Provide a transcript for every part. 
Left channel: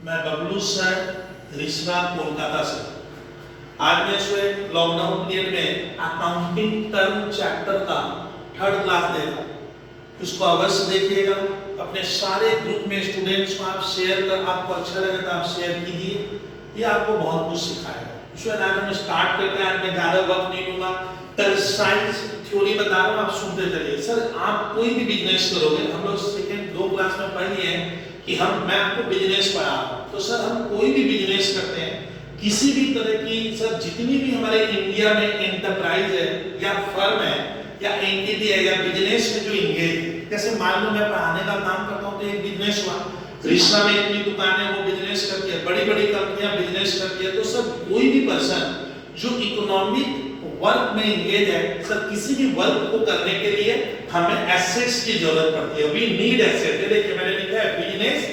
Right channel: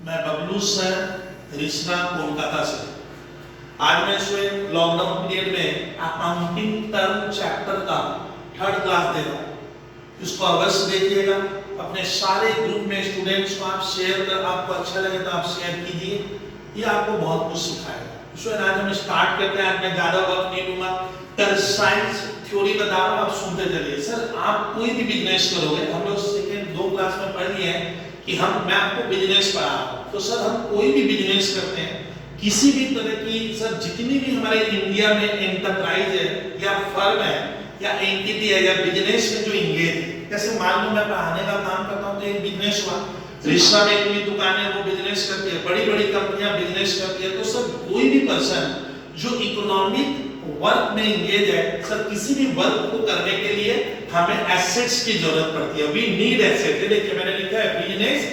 मैं बबलू सर रिश्ना कोलकाता से। आज मैं स्टूडेंट लॉकडाउन पीरियड में अकाउंटिंग टर्म चैप्टर का थर्ड क्लास दे रहा हूँ। इसको अवश्य देखिएगा, अपने सारे ग्रुप में स्टूडेंट्स को आप शेयर कर, आपको अच्छा लगे तो आप शेयर कीजिए, ये आपको बहुत कुछ सिखाएगा। स्टूडेंट आज हम स्टार्ट करते हैं, आज मैं ज़्यादा वक्त नहीं लूँगा। कल साइंस थ्योरी बता रहा हूँ, आप सुनते चलिए। सर आप कोई भी बिजनेस करोगे, हम लोग सेकेंड 2 क्लास में पढ़ लिए हैं कि मैं आपको बिजनेस पढ़ा रहा हूँ, तो सर हम कोई भी बिजनेस करते हैं, किसी भी तरह की सर जितनी भी हमारे इंडिया में एंटरप्राइज है या फर्म है या एंटिटी है या बिजनेस में जो इंगेज है, जैसे मान लो मैं पढ़ाने का काम करता हूँ तो एक बिजनेस हुआ, रिश्ता में इतनी दुकानें वो बिजनेस करती है, बड़ी बड़ी कंपनियां बिजनेस करती है। तो सर कोई भी पर्सन जो इकोनॉमिक वर्क में इंगेज है, सर किसी भी वर्क को करने के लिए हमें एसेट्स की जरूरत पड़ती है। We need asset. देखिए मैंने लिखा है बिजनेस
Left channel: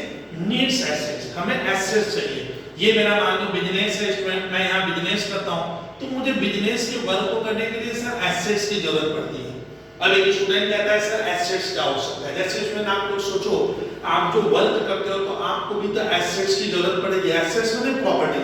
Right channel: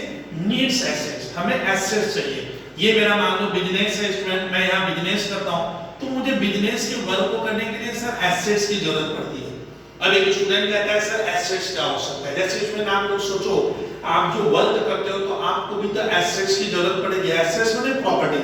नीड्स एसेट्स, हमें एसेट्स चाहिए। ये मेरा मान लो बिजनेस है स्टूडेंट, मैं यहाँ बिजनेस करता हूँ तो मुझे बिजनेस के वर्क को करने के लिए सर एसेट्स की जरूरत पड़ती है। अब एक स्टूडेंट कहता है सर एसेट्स क्या हो सकता है, जैसे इसमें आप लोग सोचो, आप जो वर्क करते हो तो आपको भी तो एसेट्स की जरूरत पड़ेगी। एसेट्स माने प्रॉपर्टी।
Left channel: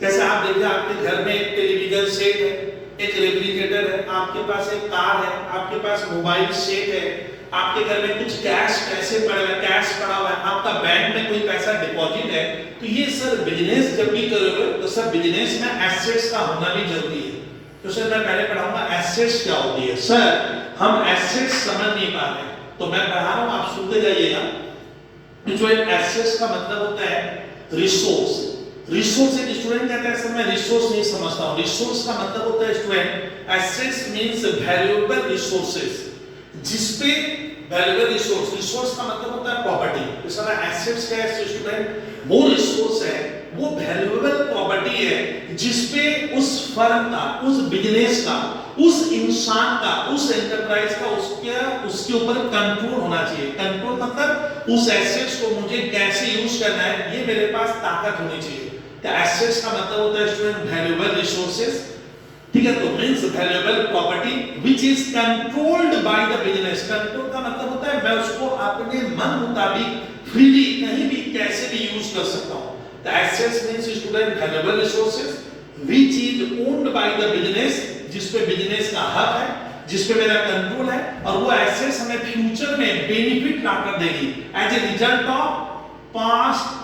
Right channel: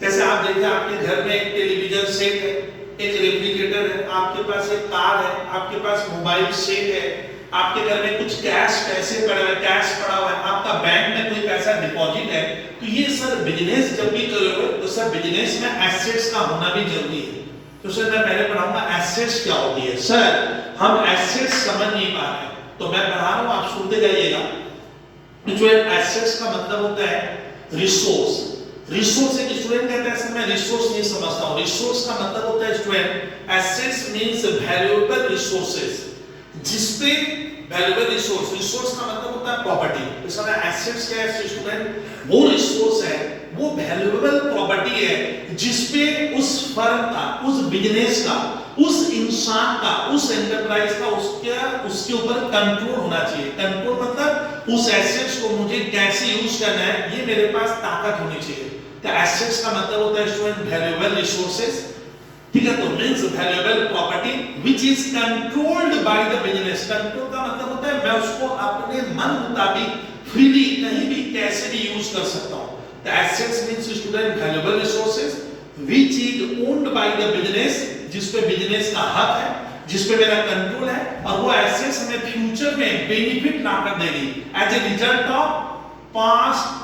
जैसे आप देखिए आपके घर में एक टेलीविजन सेट है, एक रेफ्रिजरेटर है, आपके पास एक कार है, आपके पास मोबाइल सेट है, आपके घर में कुछ कैश पैसे पड़ा है, कैश पड़ा हुआ है, आपका बैंक में कोई पैसा डिपॉजिट है, तो ये सर बिजनेस जब भी करोगे तो सर बिजनेस में एसेट्स का होना भी जरूरी है। तो सर मैं पहले पढ़ाऊंगा एसेट्स क्या होती है। सर हम एसेट्स समझ नहीं पा रहे, तो मैं पढ़ा रहा हूं, आप सुनते जाइएगा। जो एसेट्स का मतलब होता है रिसोर्स। रिसोर्स एक स्टूडेंट कहता है सर मैं रिसोर्स नहीं समझता हूं। रिसोर्स का मतलब होता है student, assets means valuable resources, जिसपे वैल्यूएबल रिसोर्स, रिसोर्स का मतलब होता है प्रॉपर्टी। तो सर एसेट्स क्या है स्टूडेंट, वो रिसोर्स है, वो वैल्यूएबल प्रॉपर्टी है जिसपे उस फर्म का, उस बिजनेस का, उस इंसान का, उस एंटरप्राइज का उसके ऊपर कंट्रोल होना चाहिए। कंट्रोल मतलब उस एसेट्स को मुझे कैसे यूज करना है, ये मेरे पास ताकत होनी चाहिए। तो एसेट्स का मतलब होता है स्टूडेंट वैल्यूएबल रिसोर्सेज, ठीक है। तो means valuable property which is controlled by the business. Control का मतलब होता है मैं उसको अपने मन मुताबिक फ्रीली कहीं भी कैसे भी यूज कर सकता हूं। तो assets means student valuable resources which is owned by the business, जिस पे बिजनेस का हक है, जिस पे मेरा कंट्रोल है, और वो एसेट्स हमें फ्यूचर में बेनिफिट ला कर देगी as a result of past,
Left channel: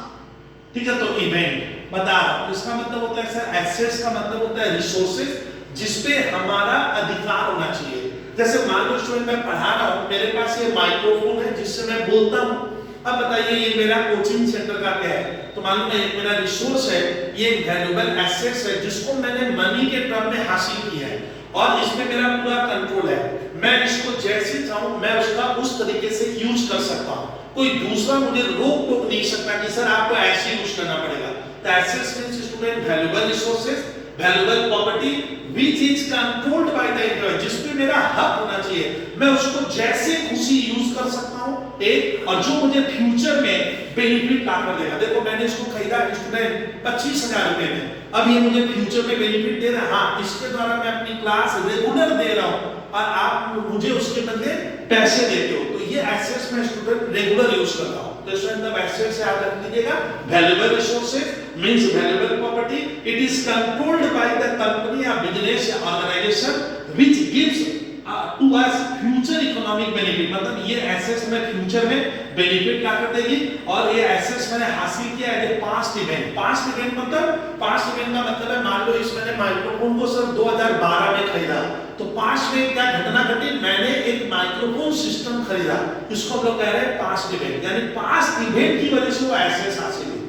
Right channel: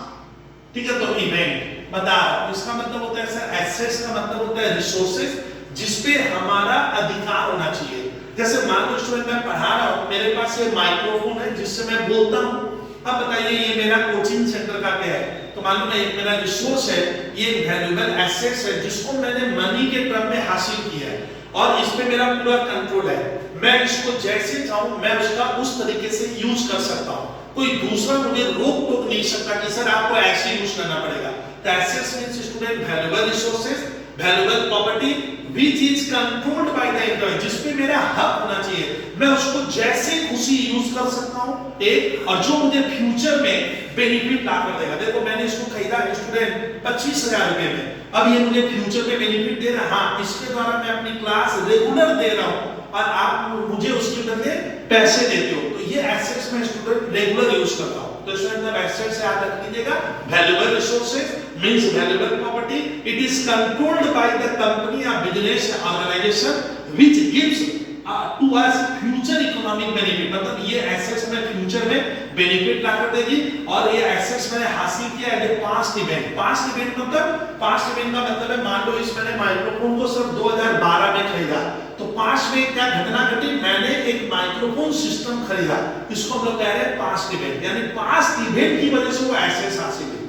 ठीक है। तो इवेंट बता रहा हूं, इसका मतलब होता है सर एसेट्स का मतलब होता है रिसोर्सेज जिसपे हमारा अधिकार होना चाहिए। जैसे मान लो स्टूडेंट मैं पढ़ा रहा हूं, मेरे पास ये माइक्रोफोन है जिससे मैं बोलता हूं। अब बताइए ये मेरा कोचिंग सेंटर का क्या है, तो मान लो मैं एक मेरा रिसोर्स है, ये एक वैल्यूएबल एसेट्स है जिसको मैंने मनी के टर्म में हासिल किया है और इस पे मेरा पूरा कंट्रोल है। मैं इसको जैसे चाहूं मैं उसका उस तरीके से यूज कर सकता हूं, कोई दूसरा मुझे रोक टोक नहीं सकता कि सर आपको ऐसे यूज करना पड़ेगा। तो assets means student valuable resources, valuable property which is controlled by the employ, जिस पे मेरा हक होना चाहिए, मैं उसको जैसे खुशी यूज कर सकता हूं एक, और जो मुझे फ्यूचर में बेनिफिट ला कर देगा। देखो मैंने इसको खरीदा स्टूडेंट 25,000 रुपए में, अब ये मुझे फ्यूचर में बेनिफिट दे रहा है। हाँ, इसके द्वारा मैं अपनी क्लास रेगुलर दे रहा हूं और आप मुझे उसके बदले पैसे देते हो, तो ये एसेट्स में स्टूडेंट रेगुलर यूज करता हूं। तो स्टूडेंट अब एसेट्स याद रख लीजिएगा, valuable resources means valuable property, it is controlled by the company या business organisation which gives to us future economic benefit. मतलब ये एसेट्स में फ्यूचर में बेनिफिट ला कर देगी, और ये एसेट्स मैंने हासिल किया है ये पास्ट इवेंट। पास्ट इवेंट का मतलब है मान लो इस मैंने माइक्रोफोन को सिर्फ 2012 में खरीदा, तो पास्ट में क्या घटना घटी, मैंने एक माइक्रोफोन सिस्टम खरीदा, इसको हम लोग कह रहे हैं पास्ट इवेंट, यानी पास्ट इवेंट की वजह से वो एसेट्स हासिल हुई।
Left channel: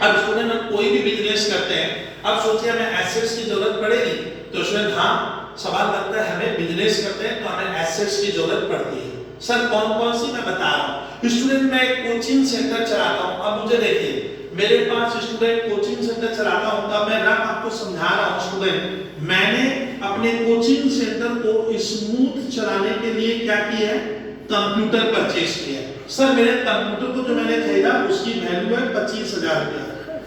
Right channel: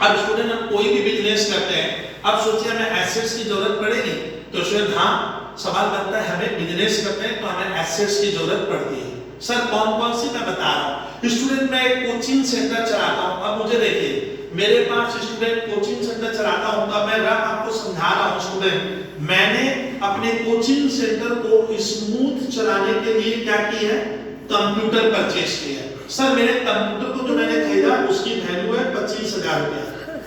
अब स्टूडेंट हम कोई भी बिजनेस करते हैं, अब सोचिए हमें एसेट्स की जरूरत पड़ेगी, तो स्टूडेंट हाँ सवाल बनता है हमें बिजनेस करते हैं तो हमें एसेट्स की जरूरत पड़ती है। सर कौन कौन सी मैं बता रहा हूं। स्टूडेंट मैं एक कोचिंग सेंटर चलाता हूं, अब मुझे देखिए मेरे पास स्टूडेंट कोचिंग सेंटर चलाता हूं, तब मैं आपको समझा रहा हूं स्टूडेंट, मैंने अपने कोचिंग सेंटर को स्मूथ चलाने के लिए क्या किया है, कंप्यूटर परचेज किया है। सर मेरे कंप्यूटर को जो मैंने खरीदा उसकी वैल्यू है 25,000 रुपया।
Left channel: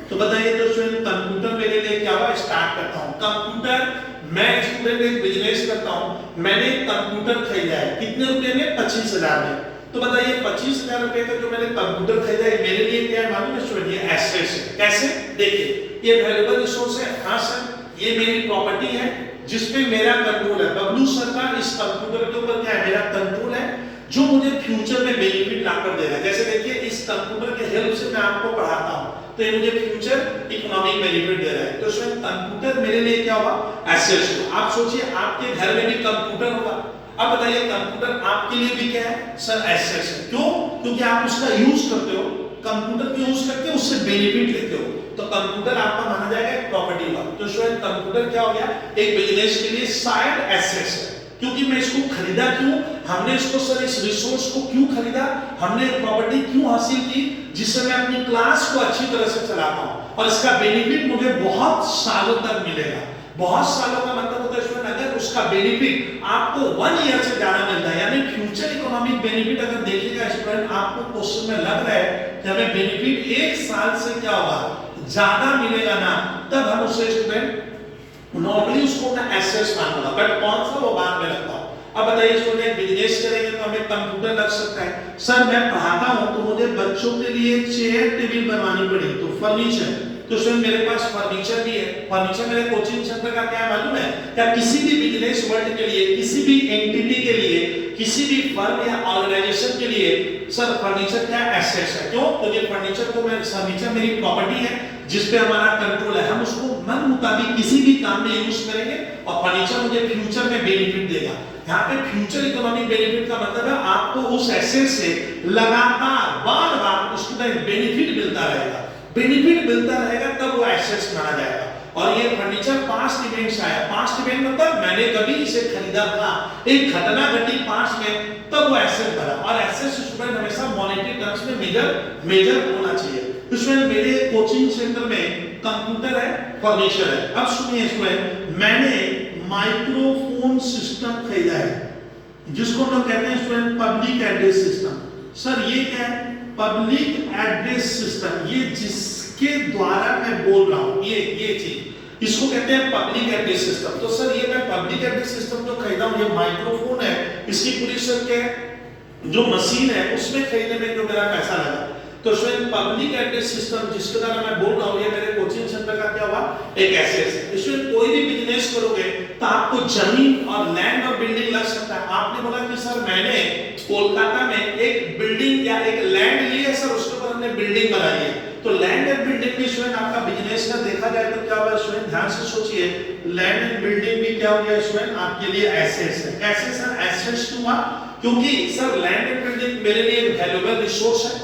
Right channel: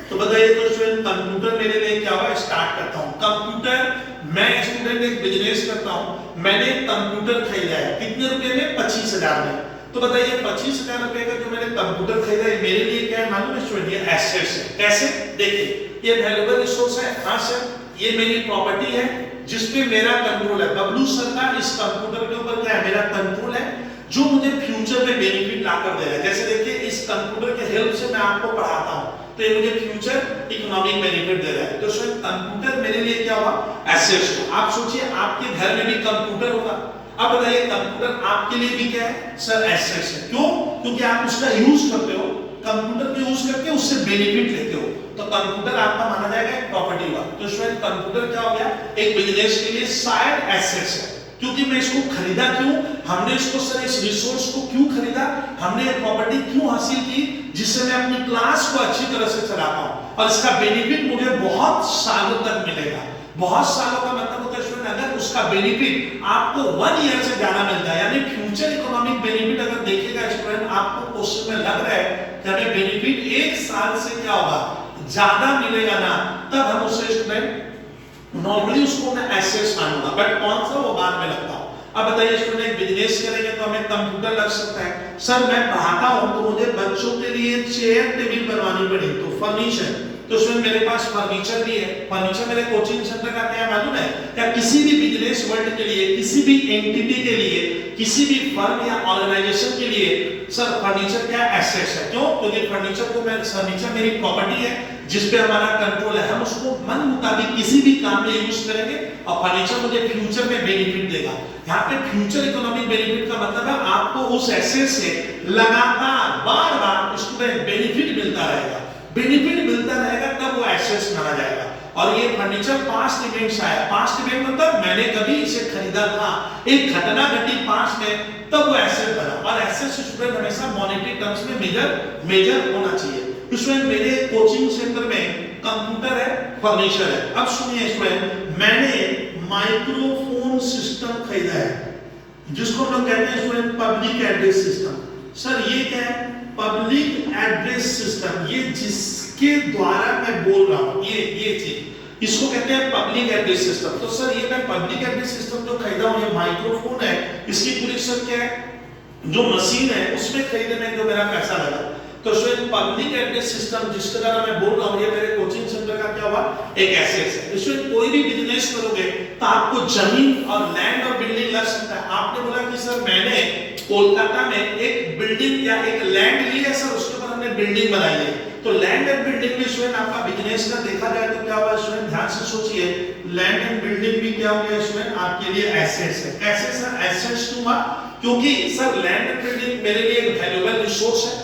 तो बताइए तो स्टूडेंट कंप्यूटर मेरे लिए क्या हुआ, स्टार्ट करता हूं कंप्यूटर। मैं स्टूडेंट एक बिजनेस करता हूं, मैंने कंप्यूटर खरीदा है कितने रुपए में, 25,000 में। तो बताइए 25,000 रुपए का जो मैंने कंप्यूटर खरीदा है मेरे लिए क्या है मालूम है स्टूडेंट, ये एसेट्स कैसे? देखिए, ये वैल्यूएबल रिसोर्स है। हाँ सर, ये मेरी प्रॉपर्टी है जिसपे मेरा कंट्रोल है। बबलू सर का इस कंप्यूटर के ऊपर क्या है? मेरा कंट्रोल है, जो मुझे फ्यूचर में बेनिफिट लाकर दे रहा है। जैसे देखिए, इस कंप्यूटर के हेल्प से मैं आपको पढ़ाता हूँ, तो ये मुझे फ्यूचर इकोनॉमिक बेनिफिट दे रहा है। तो इसमें कंप्यूटर मेरे लिए क्या हुआ? एसेट्स। आप सोचिए, आपके घर में भी कंप्यूटर होगा। अब बताइए, कंप्यूटर आपके लिए भी क्या है? सर, एसेट्स है। क्यों? क्योंकि आप उसका यूज करते हो, कंप्यूटर को यूज करके उससे बेनिफिट लेते हो, तो कंप्यूटर आपका माना जाएगा एक प्रॉपर्टी हुआ। तो स्टूडेंट, कंप्यूटर क्या हो गया? एक बिजनेस के लिए साइड एसेट्स है। क्योंकि मैं इसको खरीदा क्यों? हमने इसको सर, इस रिसोर्स को क्यों खरीदा? हमने प्रॉपर्टी क्यों हासिल की? जिससे मैं अपनी क्लास को अच्छी तरह से चला पाऊं, और इसका बेनिफिट मुझे बहुत सालों तक मिलेगा। बहुत सालों का मतलब होता है स्टूडेंट, अगर उसका बेनिफिट आपको 1 ईयर से ज्यादा मिलता है, यानी फ्यूचर इकोनॉमिक बेनिफिट अगर देखिएगा स्टूडेंट, आपको क्वेश्चन में लग रहा है कि हमें बेनिफिट 1 साल से क्या होगा? ज्यादा मिलेगा ना, तब हम उसे स्टूडेंट नॉर्मली उसको मैं एसेट्स मानूंगा। बट कौन सा, वो बाद में लगता हूं। अब बताइए स्टूडेंट, बिजनेस करेंगे तो हमें कंप्यूटर लग सकता है। सर, मैं पढ़ाता हूं तो मुझे बच्चों के लिए चेयर टेबल बनवानी पड़ी, तो फर्नीचर। तो इसमें मेरे पास फर्नीचर भी है। फर्नीचर मेरे कोचिंग सेंटर का क्या मालूम है? क्या किसी भी बिजनेस वर्ल्ड के लिए, किसी भी एंटिटी के लिए, किसी भी फर्म या ऑर्गेनाइजेशन के लिए सर फर्नीचर क्या एसेट्स है। क्यों? क्योंकि फर्नीचर मेरी प्रॉपर्टी है जिसपे हमारा कंट्रोल है। हम उसको मन मुताबिक किसी भी काम में यूज करेंगे, और फर्नीचर मुझे फ्यूचर में बेनिफिट देगा। यहाँ पे फ्यूचर इकोनॉमिक बेनिफिट का मतलब है आपको उस एसेट से लगातार बार बार उसको बेनिफिट मिलता रहेगा। बेनिफिट मिलता रहेगा तब वो एसेट्स माना जाएगा। और ये फर्नीचर पास्ट इवेंट्स आया। पास्ट इवेंट मतलब मैंने कभी इसे खरीदा था, एक घटना घटी पास्ट में, तब वो एसेट बना। और एसेट स्टूडेंट हमेशा मॉनेटरी टर्म्स में मेजर होना चाहिए। स्टूडेंट, मेरे कोचिंग सेंटर में कंप्यूटर है, फर्नीचर है। अब सुनिए स्टूडेंट, मैंने माइक्रोफोन सिस्टम खरीदा है, जिसको हम लोग कहते हैं student public address system. Sir, ये क्या है? Public address system. ये जिसके द्वारा मैं बोल रहा हूं, ये चीज, इसको कहते हैं पब्लिक एड्रेस सिस्टम। तो सर, ये मैं पब्लिक एड्रेस सिस्टम जो खरीदा हूं, ये माइक्रोफोन है, इसकी पूरी सर क्या है, जो मशीन है उसमें खरीदने में जो मेरा पैसा लगा। तो स्टूडेंट, पब्लिक एड्रेस सिस्टम जिसके द्वारा मैं बोल रहा हूं, ये मेरे कोचिंग सेंटर का क्या हुआ? एक एसेट है। स्टूडेंट, कोई भी बिजनेस करोगे तो आपको जमीन और लैंड और बिल्डिंग लग सकता है। आपने बोला कि सर, मैंने कोलकाता में एक बिल्डिंग या एक लैंड ली है सर, उसके ऊपर हमने बिल्डिंग बनाई है। तो लैंड एंड बिल्डिंग में स्टूडेंट आपका बिजनेस का देखा जाए तो क्या होगा स्टूडेंट? ध्यान से सोचिए, लैंड एंड बिल्डिंग भी क्या हो गया स्टूडेंट? आपके लिए एसेट्स है। कैसे सर एसेट्स क्यों? क्योंकि सर, लैंड एंड बिल्डिंग मेरे लिए एक वैल्यूएबल रिसोर्स है,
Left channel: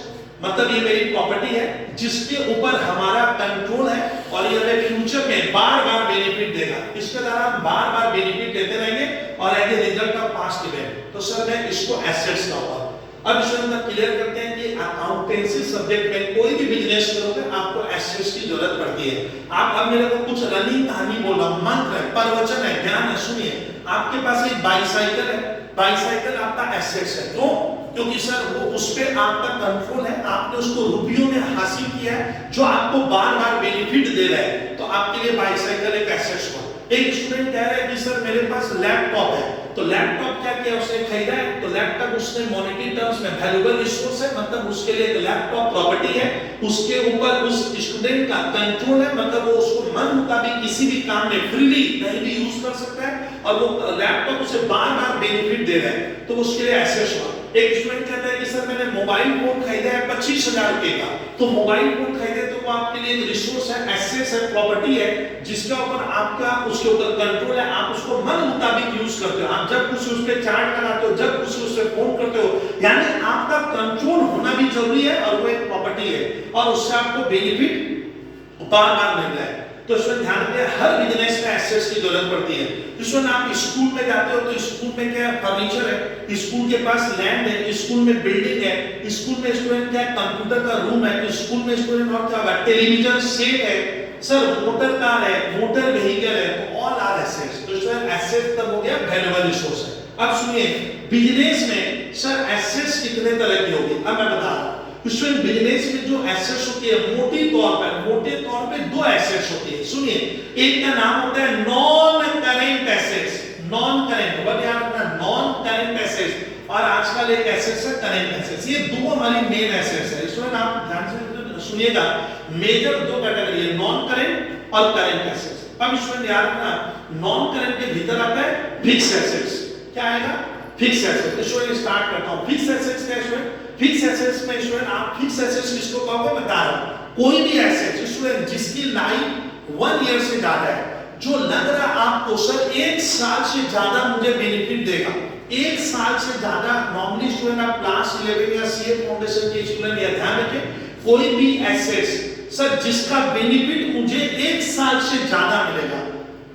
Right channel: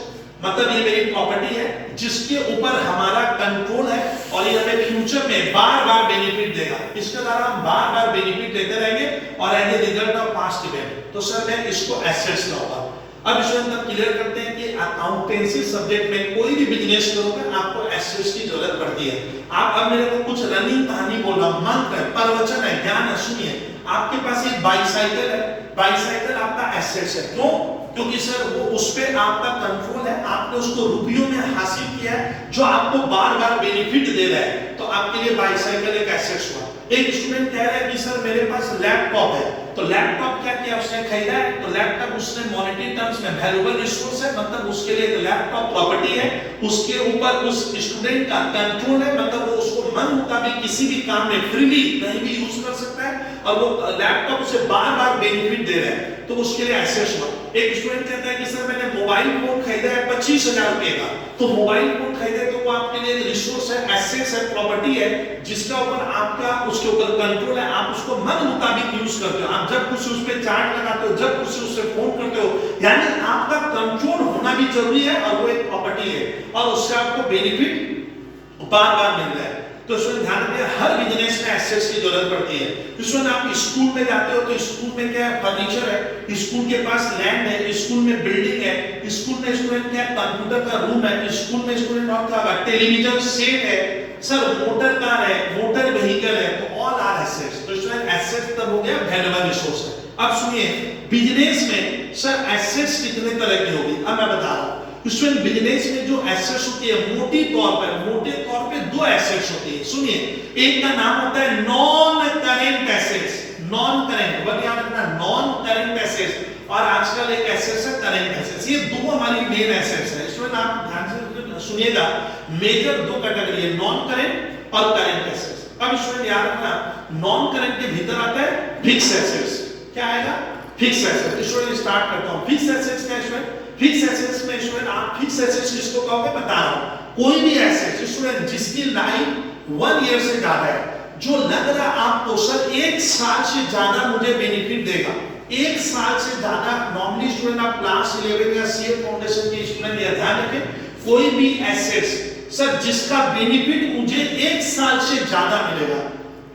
मतलब ये मेरी प्रॉपर्टी है जिसके ऊपर हमारा कंट्रोल है, और ये हमें फ्यूचर में बार बार बेनिफिट देगा। इसके द्वारा हम बार बार बेनिफिट देते रहेंगे और as a result of past event. तो सर, मैं इसको एसेट्स कहूंगा। अब इसको हम क्लियर करते हैं कि अकाउंटेंसी सब्जेक्ट में कोई भी बिजनेस करोगे आपको एसेट्स की जरूरत पड़ती है। आप अब मेरे को कुछ रनिंग कहानी बोल रहा हूं, मंत्र है, प्रवचन है, ज्ञान है। सुनिए, आपके पास एक बाईसाइकिल है, बाईसाइकिल आपका एसेट्स है। क्यों? क्योंकि सर वो उस पे आपका कंट्रोल है, आपने उसको रुपयों में हासिल किया है, जो आपको बार बार बेनिफिट दे रहा है, तो आपके लिए बाईसाइकिल एक एसेट्स हुआ। एक स्टूडेंट कह रहा है कि सर मेरे पास लैपटॉप है, तो लैपटॉप क्या किया उसने? खरीदा है। तो लैपटॉप उसने मॉनेटरी टर्म्स में वैल्यूएबल रिसोर्स है, मतलब उसके लिए एक लैपटॉप प्रॉपर्टी है, उसके ऊपर उस स्टूडेंट का कंट्रोल है, मतलब वो उसको मन मुताबिक किसी भी काम में फ्रीली कहीं भी यूज कर सकता है, और वो लैपटॉप उसे बार बार बेनिफिट दे रहा है, तो उसके लिए एसेट्स हुआ। एक स्टूडेंट कहता है कि सर मैंने मोबाइल फोन खरीदा है 25,000 रुपए का, तो मोबाइल फोन खरीदे तो वो आपके लिए एक रिसोर्स है, एसेट्स है, प्रॉपर्टी है, जिसका ऊपर आपका उसके ऊपर कंट्रोल है, आप उसको मन मुताबिक यूज करते हो, आप जब कुछ उस पे चार्ज लगाते हो, जब कुछ उससे फोन करते हो, यानी आपका कंट्रोल होना भी जरूरी है, और वो एक प्रॉपर्टी है, और उससे आपको बेनिफिट बार बार मिल रहा है। तो इसमें ध्यान रखिए, हर बिजनेस में एसेट्स की जरूरत पड़ती है। इसमें आप स्कूल में जाते हो तो स्कूल में क्या फर्नीचर है, स्कूल के पास लैंड है, स्कूल में बिल्डिंग है, स्कूल में स्टूडेंट क्या कंप्यूटर का रूम है, स्कूल में स्टूडेंट और क्या होगा, टेलीविजन सेट है, सर मोटर कार है, मोटर व्हीकल है, तो ऑल आर एसेट्स। तो स्टूडेंट एसेट्स तब हो गया वैल्यूएबल रिसोर्स है। अब सुनिए, बिजनेस में सर एसेट्स कितने तरह की होगी, अब मैं बता रहा हूं। स्टूडेंट, बिजनेस में जो एसेट्स होती है मोटे तौर पे दो एसेट्स होती है। सुनिए, एक का नाम होता है non current assets, non current, word याद रखना, नॉन करेंट एसेट्स, और आजकल एक एसेट्स है करेंट एसेट्स। ये दो हमारी मेन एसेट्स है। स्टूडेंट आप ध्यान से सुनिएगा, मेजर दो कैटेगरी है, नॉन करेंट और करेंट एसेट्स। अब स्टूडेंट याद रखना, नॉन करेंट के भीतर आता है फिक्स एसेट्स। क्या आएगा? Fix assets. स्टूडेंट स्टार्ट करता हूं, फिक्स एसेट्स क्या है स्टूडेंट? फिक्स एसेट्स में स्टूडेंट आप फिक्स एसेट्स किसको कहोगे बता रहा हूं, कोई भी एसेट स्टूडेंट जिसकी लाइफ 1 ईयर से ज्यादा है, जो लग रहा आपको सर 1 साल से ज्यादा मुझे बेनिफिट देगा, 1 साल से ज्यादा। नॉर्मली स्टूडेंट आप क्लास 11 या सीए फाउंडेशन के स्टूडेंट या ध्यान रखें, कोई भी एसेट्स सर जिसका बेनिफिट मुझे 1 साल से ज्यादा मिलेगा,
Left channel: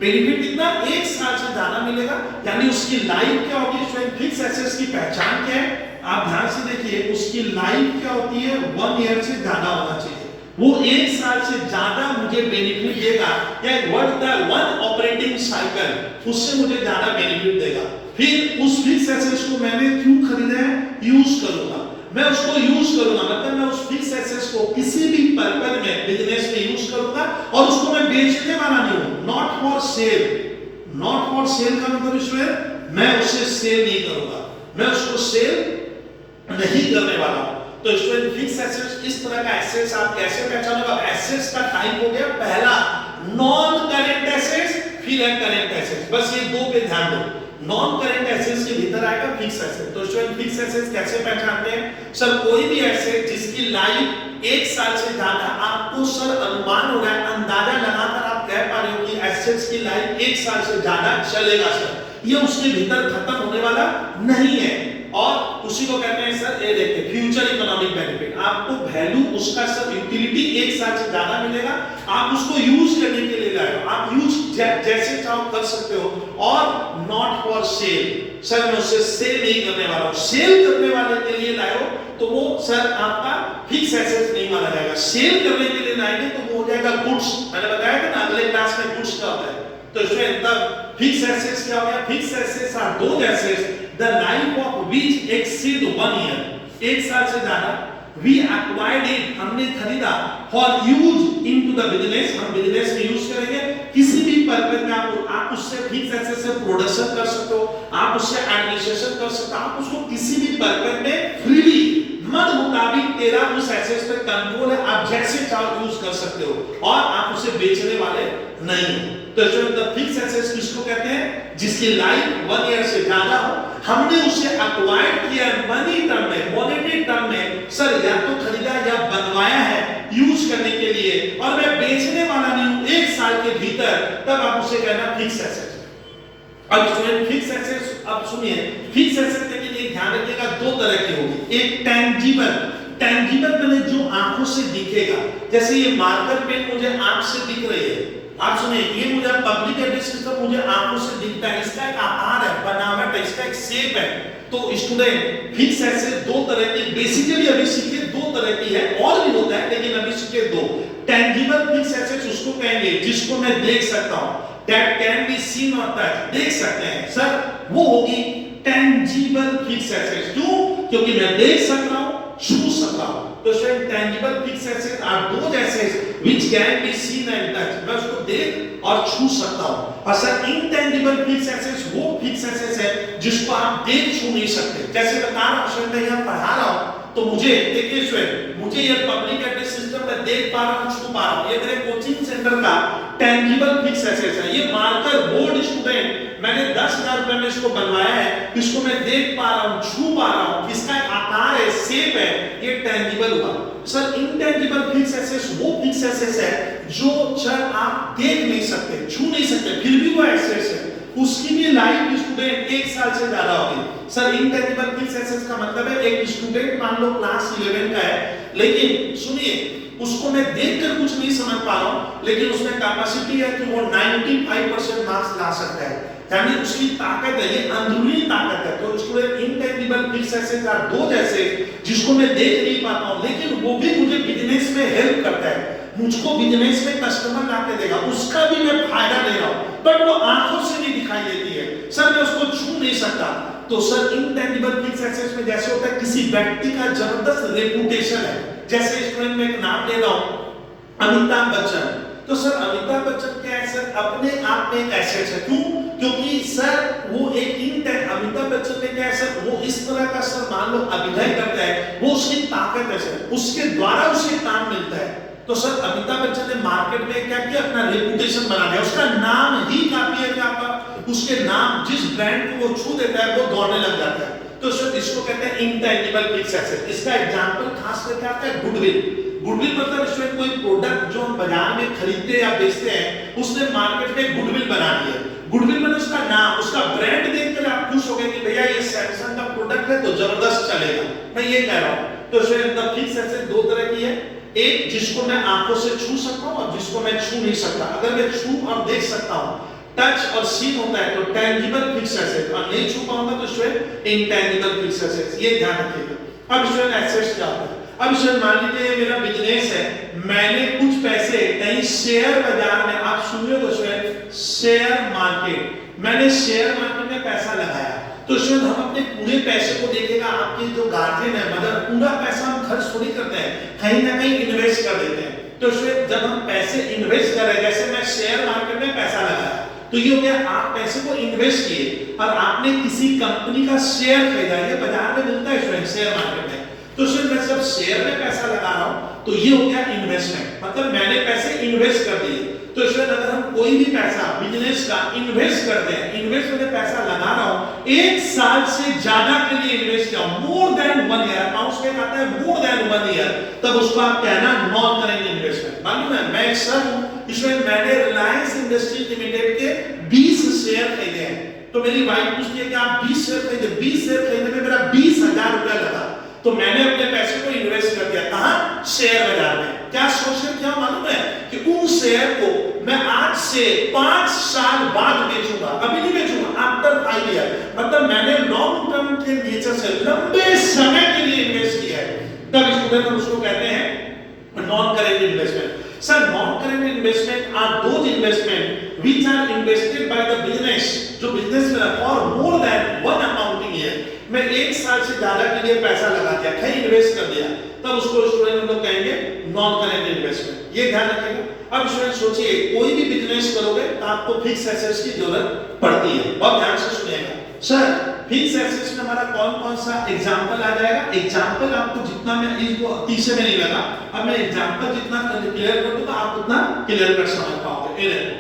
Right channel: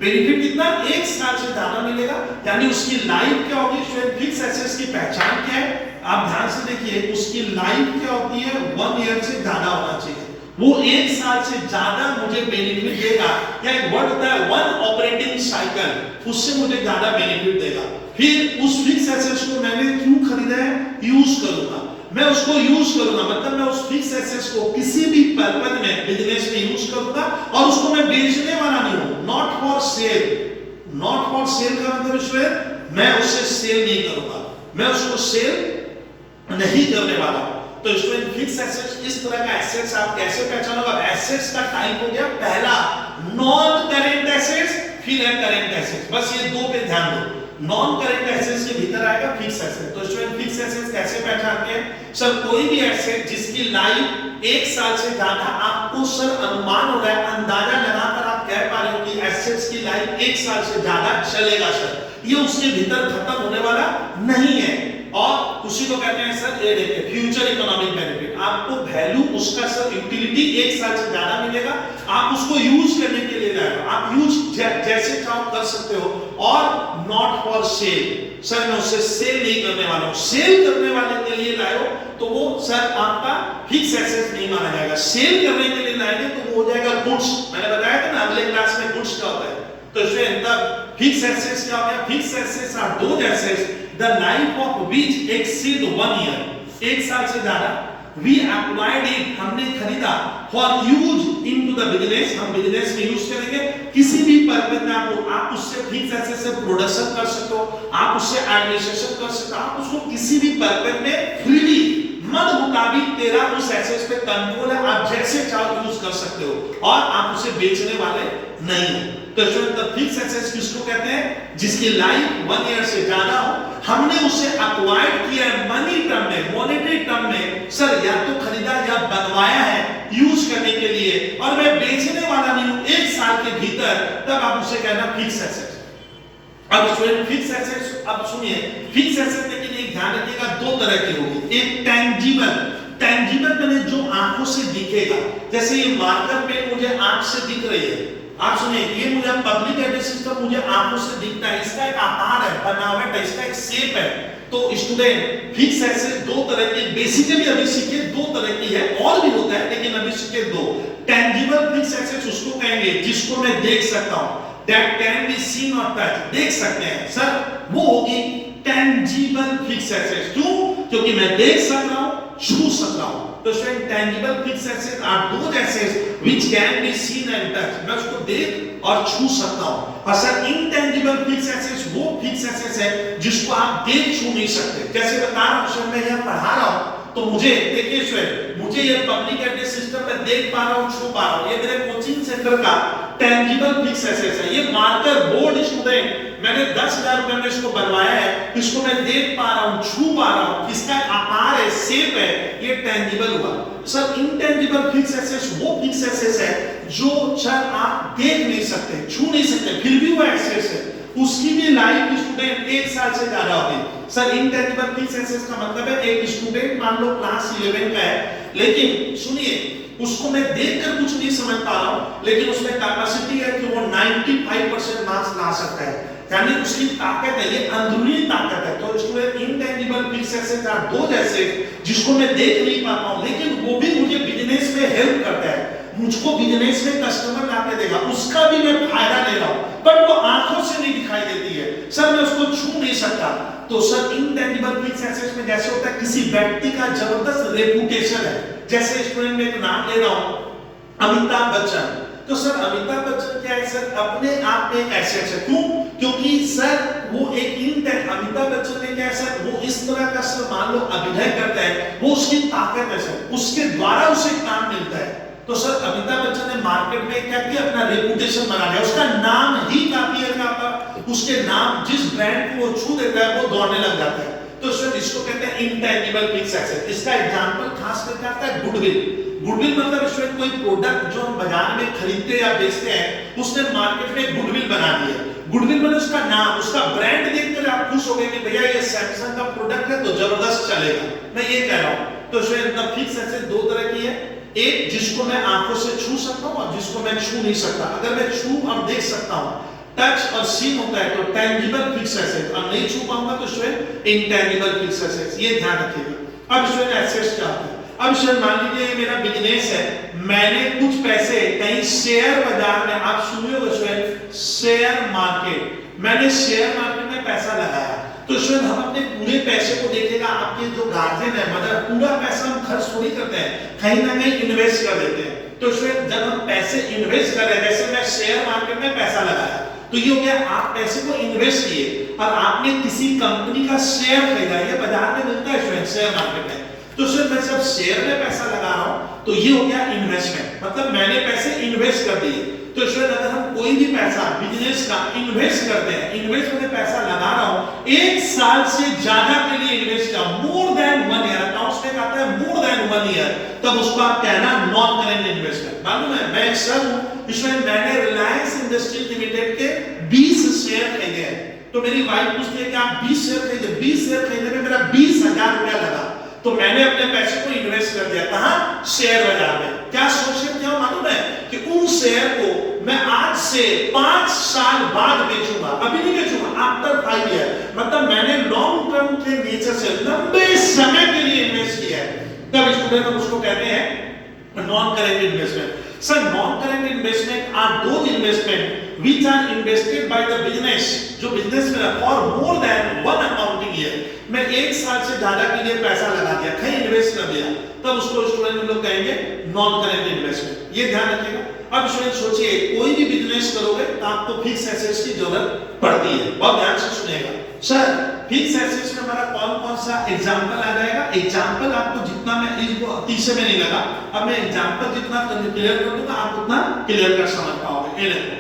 बेनिफिट कितना? 1 साल से ज्यादा मिलेगा, यानी उसकी लाइफ क्या होगी स्टूडेंट? फिक्स एसेट्स की पहचान क्या है? आप ध्यान से देखिए, उसकी लाइफ क्या होती है? 1 ईयर से ज्यादा होना चाहिए, वो 1 साल से ज्यादा मुझे बेनिफिट देगा, या एक वर्ड होता है 1 ऑपरेटिंग साइकिल, उससे मुझे ज्यादा बेनिफिट देगा। फिर उस फिक्स एसेट्स को मैंने क्यों खरीदा है? यूज करूंगा, मैं उसको यूज करूंगा, मतलब मैं उस फिक्स एसेट्स को किसी भी पर्पस में बिजनेस में यूज करूंगा, और उसको मैं बेचने वाला नहीं हूं। Not for sale, not for sale का मतलब स्टूडेंट मैं उसे सेल नहीं करूंगा, मैं उसको सेल नहीं करने वाला। तो स्टूडेंट फिक्स एसेट्स, इस तरह का एसेट्स आप कैसे पहचानोगे? एसेट्स का टाइप हो गया पहला नॉन करेंट एसेट्स, फिर है करेंट एसेट्स। बस ये दो पे ध्यान दो, नॉन करेंट एसेट्स के भीतर आएगा फिक्स एसेट। तो स्टूडेंट फिक्स एसेट्स कैसे पहचानते हैं? सर कोई भी एसेट जिसकी लाइफ 1 साल से ज्यादा, आपको सर अनुमान हो रहा है, अंदाजा लगाकर आप कह पा रहे हो कि एसेट्स की लाइफ 1 साल से ज्यादा चलेगा सर, ये उसके भीतर खत्म होने वाला नहीं है। और उसी को कहते हैं सर, ये देखिए फ्यूचर इकोनॉमिक बेनिफिट, आपको वैल्यू उसका सर यूटिलिटी 1 साल से ज्यादा मिलेगा, आप उसको यूज करने के लिए लाए हो, आप यूज जैसे चाहो कर सकते हो। और नॉट फॉर सेल, सर मैं उसे सेल नहीं करने वाला हूं, सेल करने वाले के लिए लाए हो तो वो सर आपका फिक्स एसेट नहीं माना जाएगा। सेल करने के लिए लाएंगे तो वो हो जाएगा गुड्स। मैंने बताया था ना अगले क्लास में गुड्स क्या होता है। तो इसमें तब फिक्स एसेट्स क्या होता है? Fix assets are those assets the life of which exceed 1 year, 1 साल से ज्यादा। we acquired it, हमने खरीदा, for use into the business, हम बिजनेस में यूज करेंगे, किसी भी पर्पस में आप उससे फिक्स एसेट से प्रोडक्शन कर सकते हो, आप उससे एडमिनिस्ट्रेशन कर सकते हो, आप उसको किसी भी पर्पस में फ्रीली मन मुताबिक तेरा उस एसेट पे कंट्रोल है, आप जैसे चाहो यूज कर सकते हो, और आप उसे बेचने वाले नहीं हो। तो स्टूडेंट फिक्स एसेट्स किसको कहते हैं? जिसकी लाइफ 1 ईयर से ज्यादा हो, हमने उसे एक्वायर्ड किया मनी टर्म में, मॉनेटरी टर्म में, सर या तो खरीदा या बनवाया है यूज करने के लिए, और मैं बेचने वाला नहीं हूं 1 साल के भीतर, तब आप उसे कहना फिक्स एसेट्स। अब स्टूडेंट फिक्स एसेट्स, अब सुनिए फिक्स एसेट के लिए ध्यान रखिएगा, 2 तरह की होगी। एक टेंजिबल, टेंजिबल मैंने जो आंखों से दिखेगा, जैसे ये मार्कर पेन मुझे आंख से दिख रही है, आप सुनिए ये मुझे पब्लिक एड्रेस सिस्टम मुझे आंखों से दिखता है, इसका एक आकार है, बनावट है, इसका एक शेप है। तो स्टूडेंट फिक्स एसेट 2 तरह की बेसिकली अभी सीखे, 2 तरह की है, और भी होता है लेकिन अभी सीखे 2। टेंजिबल फिक्स एसेट्स उसको कहेंगे जिसको मैं देख सकता हूं, दैट कैन बी सीन और टच, देख सकते हैं सर, वो होगी टेंजिबल फिक्स एसेट्स। क्यों? क्योंकि मैं देख सक रहा हूं, छू सक रहा हूं। तो tangible fix assets are those assets which can be seen and touch, मैं उसको देख और छू सकता हूं। और सर इनटेंजिबल फिक्स एसेट्स वो फिक्स एसेट्स है जिसको आप देख छू नहीं सकते। जैसे बता रहा हूं मैं यहां पढ़ा रहा हूं, तो मुझे देखिए स्टूडेंट, मुझे ये पब्लिक एड्रेस सिस्टम में देख पा रहा हूं, छू पा रहा हूं, ये मेरे कोचिंग सेंटर का टेंजिबल फिक्स एसेट्स है। ये मार्कर बोर्ड स्टूडेंट मैंने 10,000 रुपए में इसको बनवाया है, इसको मैं देख पा रहा हूं, छू पा रहा हूं, इसका आकार है, शेप है, ये टेंजिबल हुआ। सर इनटेंजिबल फिक्स एसेट्स वो फिक्स एसेट्स है जो सर आप देख नहीं सकते, छू नहीं सकते, फिर भी वो एसेट्स है, उसकी भी लाइफ स्टूडेंट 1 साल से ज्यादा होगी। सर इनटेंजिबल फिक्स एसेट्स का मतलब है एक स्टूडेंट मान लो क्लास 11 का है, लेकिन सुनिए उसको मैं देखकर कुछ नहीं समझ पा रहा हूं, लेकिन उसमें कैपेसिटी है कि वो 95% मार्क्स ला सकता है, यानी उसकी ताकत है, ये अंदरूनी ताकत है। तो student intangible fix assets are those ऐसे जिसको मैं देख नहीं पाता हूं, लेकिन वो भी मुझे बिजनेस में हेल्प करता है, मुझको बिजनेस में कस्टमर लाके देगा, उसका भी मैं फायदा ले रहा हूं, बट वो आंखों से नहीं दिखाई देती है, सर मैं उसको छू नहीं सकता। तो सर इनटेंजिबल फिक्स एसेट्स में जैसे होता है किसी व्यक्ति का जबरदस्त रेपुटेशन है, जैसे स्टूडेंट में एक नाम ले रहा हूं अमिताभ बच्चन, तो सर अमिताभ बच्चन क्या है सर, अपने आप में एक एसेट है। क्यों? क्योंकि सर वो एक अमिताभ बच्चन ने क्या है सर, वो इस तरह का सर मान लो अभिनय करता है, वो उसकी ताकत है सर, उसके द्वारा उसे काम मिलता है। तो सर अमिताभ बच्चन ने मार्केट में क्या किया, अपना रेपुटेशन बना लिया, उसका नाम ही काफी है यहाँ पर, उसके नाम जिस ब्रांड को वो छू देता है वो दौड़ने लग जाता है। तो सर इसको कहते हैं इंटेंजिबल फिक्स एसेट। इसका एग्जांपल खास करके आता है गुडविल। गुडविल मतलब इसमें कोई प्रोडक्ट जो हम बाजार में खरीदते या बेचते हैं, उसने मार्केट में गुडविल बना दिया। गुडविल मतलब उसका नाम, उसका ब्रांड देखकर आप खुश हो गए कि भैया ये सैमसंग का प्रोडक्ट है तो जबरदस्त चलेगा, मैं ये कह रहा हूं। तो इसमें फिक्स एसेट दो तरह की है, एक जिसको मैं आंखों से छू सकता हूं और जिसको मैं छू नहीं सकता। अगर मैं छू और देख सकता हूं, टच और सीन होता है तो टेंजिबल फिक्स एसेट, और नहीं छू पाऊंगा तो इसमें इंटेंजिबल फिक्स एसेट, ये ध्यान रखिएगा। अब इसमें एसेट्स क्या होता है, अब इसमें मान लीजिए मेरा बिजनेस है, मैंने कुछ पैसे कहीं शेयर बाजार में, आप सुनिए इसमें शेयर मार्केट, मैंने शेयर मार्केट में पैसा लगाया, तो इसमें हम अपने पूरे पैसे को देखेगा, आपके जो गार्जियन है मतलब पूरा पैसा हम खर्च थोड़ी करते हैं, कहीं ना कहीं इन्वेस्ट कर देते हैं। तो इसमें जब हम पैसे इन्वेस्ट कर रहे हैं, जैसे मैं शेयर मार्केट में पैसा लगाया, तो ये हो गया आप पैसे को इन्वेस्ट किए और आपने किसी कंपनी का शेयर खरीदा, ये बाजार में मिलता है शेयर मार्केट में। तो सिर्फ मैं जब शेयर में पैसा लगा रहा हूं तो ये हो गया इन्वेस्टमेंट, मतलब मैंने पैसे इन्वेस्ट कर दिए। तो इसमें अगर हम कोई भी पैसा बिजनेस का इन्वेस्ट करते हैं, इन्वेस्ट में पैसा लगा रहा हूं, एक साल से ज्यादा के लिए इन्वेस्ट किया, मोर देन 1 ईयर, अकाउंट्स में कहते हैं मोर देन 1 ईयर, तब उसको आप कहना नॉन करेंट इन्वेस्टमेंट। मालूम है मैं एक सर हूं, इसमें मैंने रिलायंस इंडस्ट्रीज लिमिटेड के 20 शेयर खरीदे हैं। तो मेरी वाइफ पूछती है कि आप 20 शेयर खरीदे, 20 शेयर खरीदने में मेरा 20,000 रुपया लगा, तो मैंने अपने पैसे को इन्वेस्ट कर दिया, कहां? शेयर बाजार में। क्या सोच के क्या मालूम है कि उन शेयर को मैं आज से 5 साल बाद बेचूंगा, अभी नहीं बेचूंगा, आफ्टर 5 ईयर, मतलब मैंने लॉन्ग टर्म के नेचर से लंबे समय के लिए इन्वेस्ट किया है। तब स्टूडेंट हम उसको कहते हैं non current investment. Sir non current investment are those investment which are invested by the business, जो बिजनेस में और मोर देन 1 अकाउंटिंग ईयर, मैं 1 साल से ज्यादा के लिए पैसा लगा दिया, कहीं इन्वेस्ट कर दिया, तब उसको स्टूडेंट लोग कहेंगे नॉन करेंट इन्वेस्टमेंट। ये ध्यान रखिएगा। अब स्टूडेंट सोचिए कोई भी बिजनेस करोगे तो आपको फिक्स एसेट्स की जरूरत पड़ती है, बहुत ध्यान से सुनिएगा। सर फिक्स एसेट्स में हमारा कौन कौन सा एग्जांपल आ जाएगा, एग्जांपल आपको जितना मैं इसको 30 में नहीं लगा, अब मैं एग्जांपल जितना क्लियर कर दूंगा आप उतना क्लियर कर समझ पाओगे। ये देखो,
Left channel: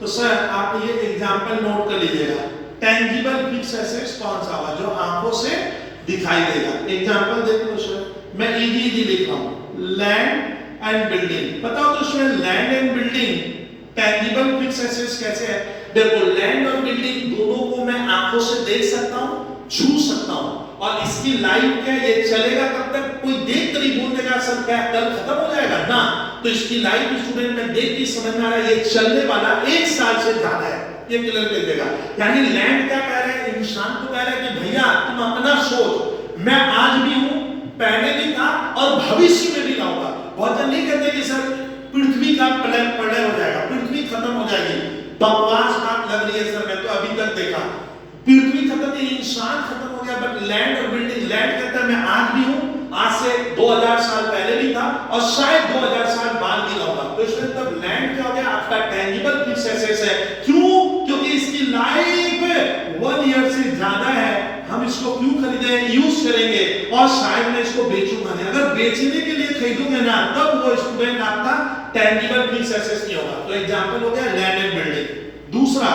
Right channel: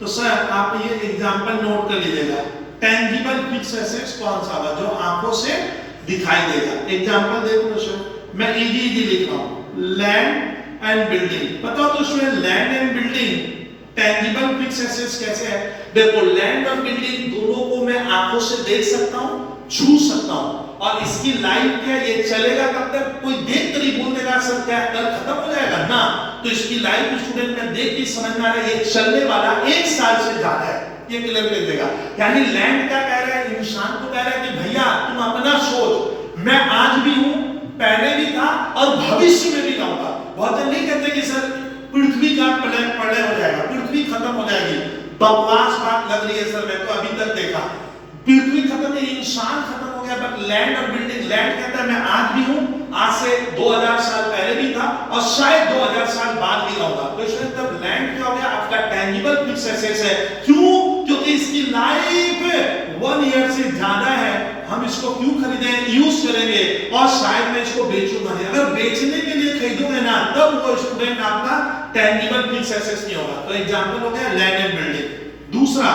तो सर आप ये एग्जांपल नोट कर लीजिएगा। टेंजिबल फिक्स एसेट्स कौन सा हुआ, जो आंखों से दिखाई देगा। एग्जांपल देखो सर, मैं इजी लिख रहा हूं, लैंड एंड बिल्डिंग। बताओ तो उसमें land and building tangible fix assets कैसे है। देखो लैंड और बिल्डिंग दोनों को मैं आंखों से देख सकता हूं, छू सकता हूं, और इसकी लाइफ क्या ये चलेगा कब तक, कोई देख कर ही बोल देगा सर क्या कल खत्म हो जाएगा ना, तो इसकी लाइफ स्टूडेंट में देख के समझ में आ रहा है ये चलने वाला 1 साल से ज्यादा है, ये क्लियर कर देगा। यानी लैंड क्या कह रहा है, इंसान को कह रहा है कि भैया तुम अपना सोच, मैं आज भी हूं, पहले भी था और भविष्य में भी रहूंगा। बहुत जन नहीं कहते कि सर पृथ्वी का प्रलय हो जाएगा, पृथ्वी खत्म हो जाएगी, बकवास बात लग रही है सर, मैं तो अभी तक देखा पृथ्वी खत्म नहीं, इंसान खत्म हो गया। बट लैंड और बिल्डिंग, लैंड कहता है मैं आज भी हूं, आज से 2000 साल पहले भी था और शायद 2000 साल बाद भी रहूंगा। तो इसमें तब लैंड क्या हो गया, आपका टेंजिबल फिक्स एसेट्स है। क्यों? क्योंकि इसकी लाइफ 1 ईयर से ज्यादा है, हम इसको क्यों खरीदे, यूज करेंगे और शायद मैं इसको बेचूंगा नहीं। अगर बेचने के लिए खरीदोगे ना तब वो स्टूडेंट आपका टेंजिबल फिक्स एसेट्स नहीं होगा। तो एग्जांपल हो गया लैंड एंड बिल्डिंग। दूसरा,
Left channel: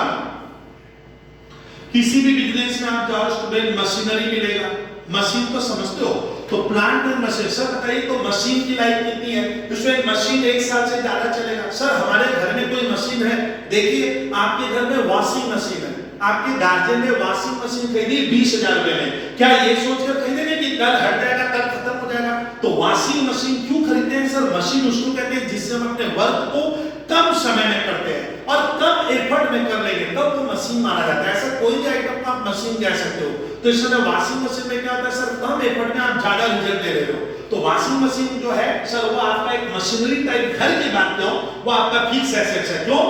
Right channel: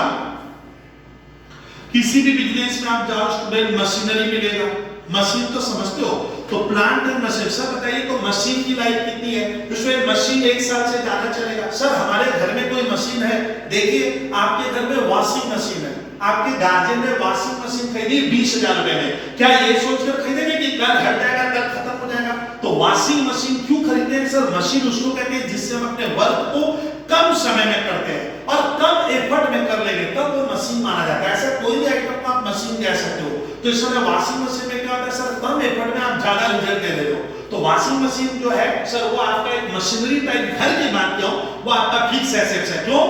किसी भी बिजनेस में आप जाओ स्टूडेंट, मशीनरी मिलेगा, मशीन तो समझते हो, तो प्लांट एंड मशीन। सर बताइए तो मशीन की लाइफ कितनी है, उसमें मशीन 1 साल से ज्यादा चलेगा। सर हमारे घर में कोई मशीन है, देखिए आपके घर में वॉशिंग मशीन है, आपके गार्जियन ने वॉशिंग मशीन खरीदी 20,000 रुपए में, क्या ये सोचकर खरीदेंगे कि कल हट जाएगा, कल खत्म हो जाएगा। तो वॉशिंग मशीन क्यों खरीदते हैं सर, मशीन उसको कहते हैं जिससे हम अपने वर्क को कम समय में करते हैं और कम एफर्ट में कर लेंगे, तब वो मशीन माना जाता है। ऐसा कोई भी आइटम को आप मशीन कह सकते हो। तो इस तरह वॉशिंग मशीन में क्या होता है सर, कम एफर्ट में आप ज्यादा रिजल्ट दे रहे हो। तो वॉशिंग मशीन जो है सर वो आपका एक मशीनरी टाइप, घर की बात करो, वो आपका फिक्स एसेट्स है। क्यों?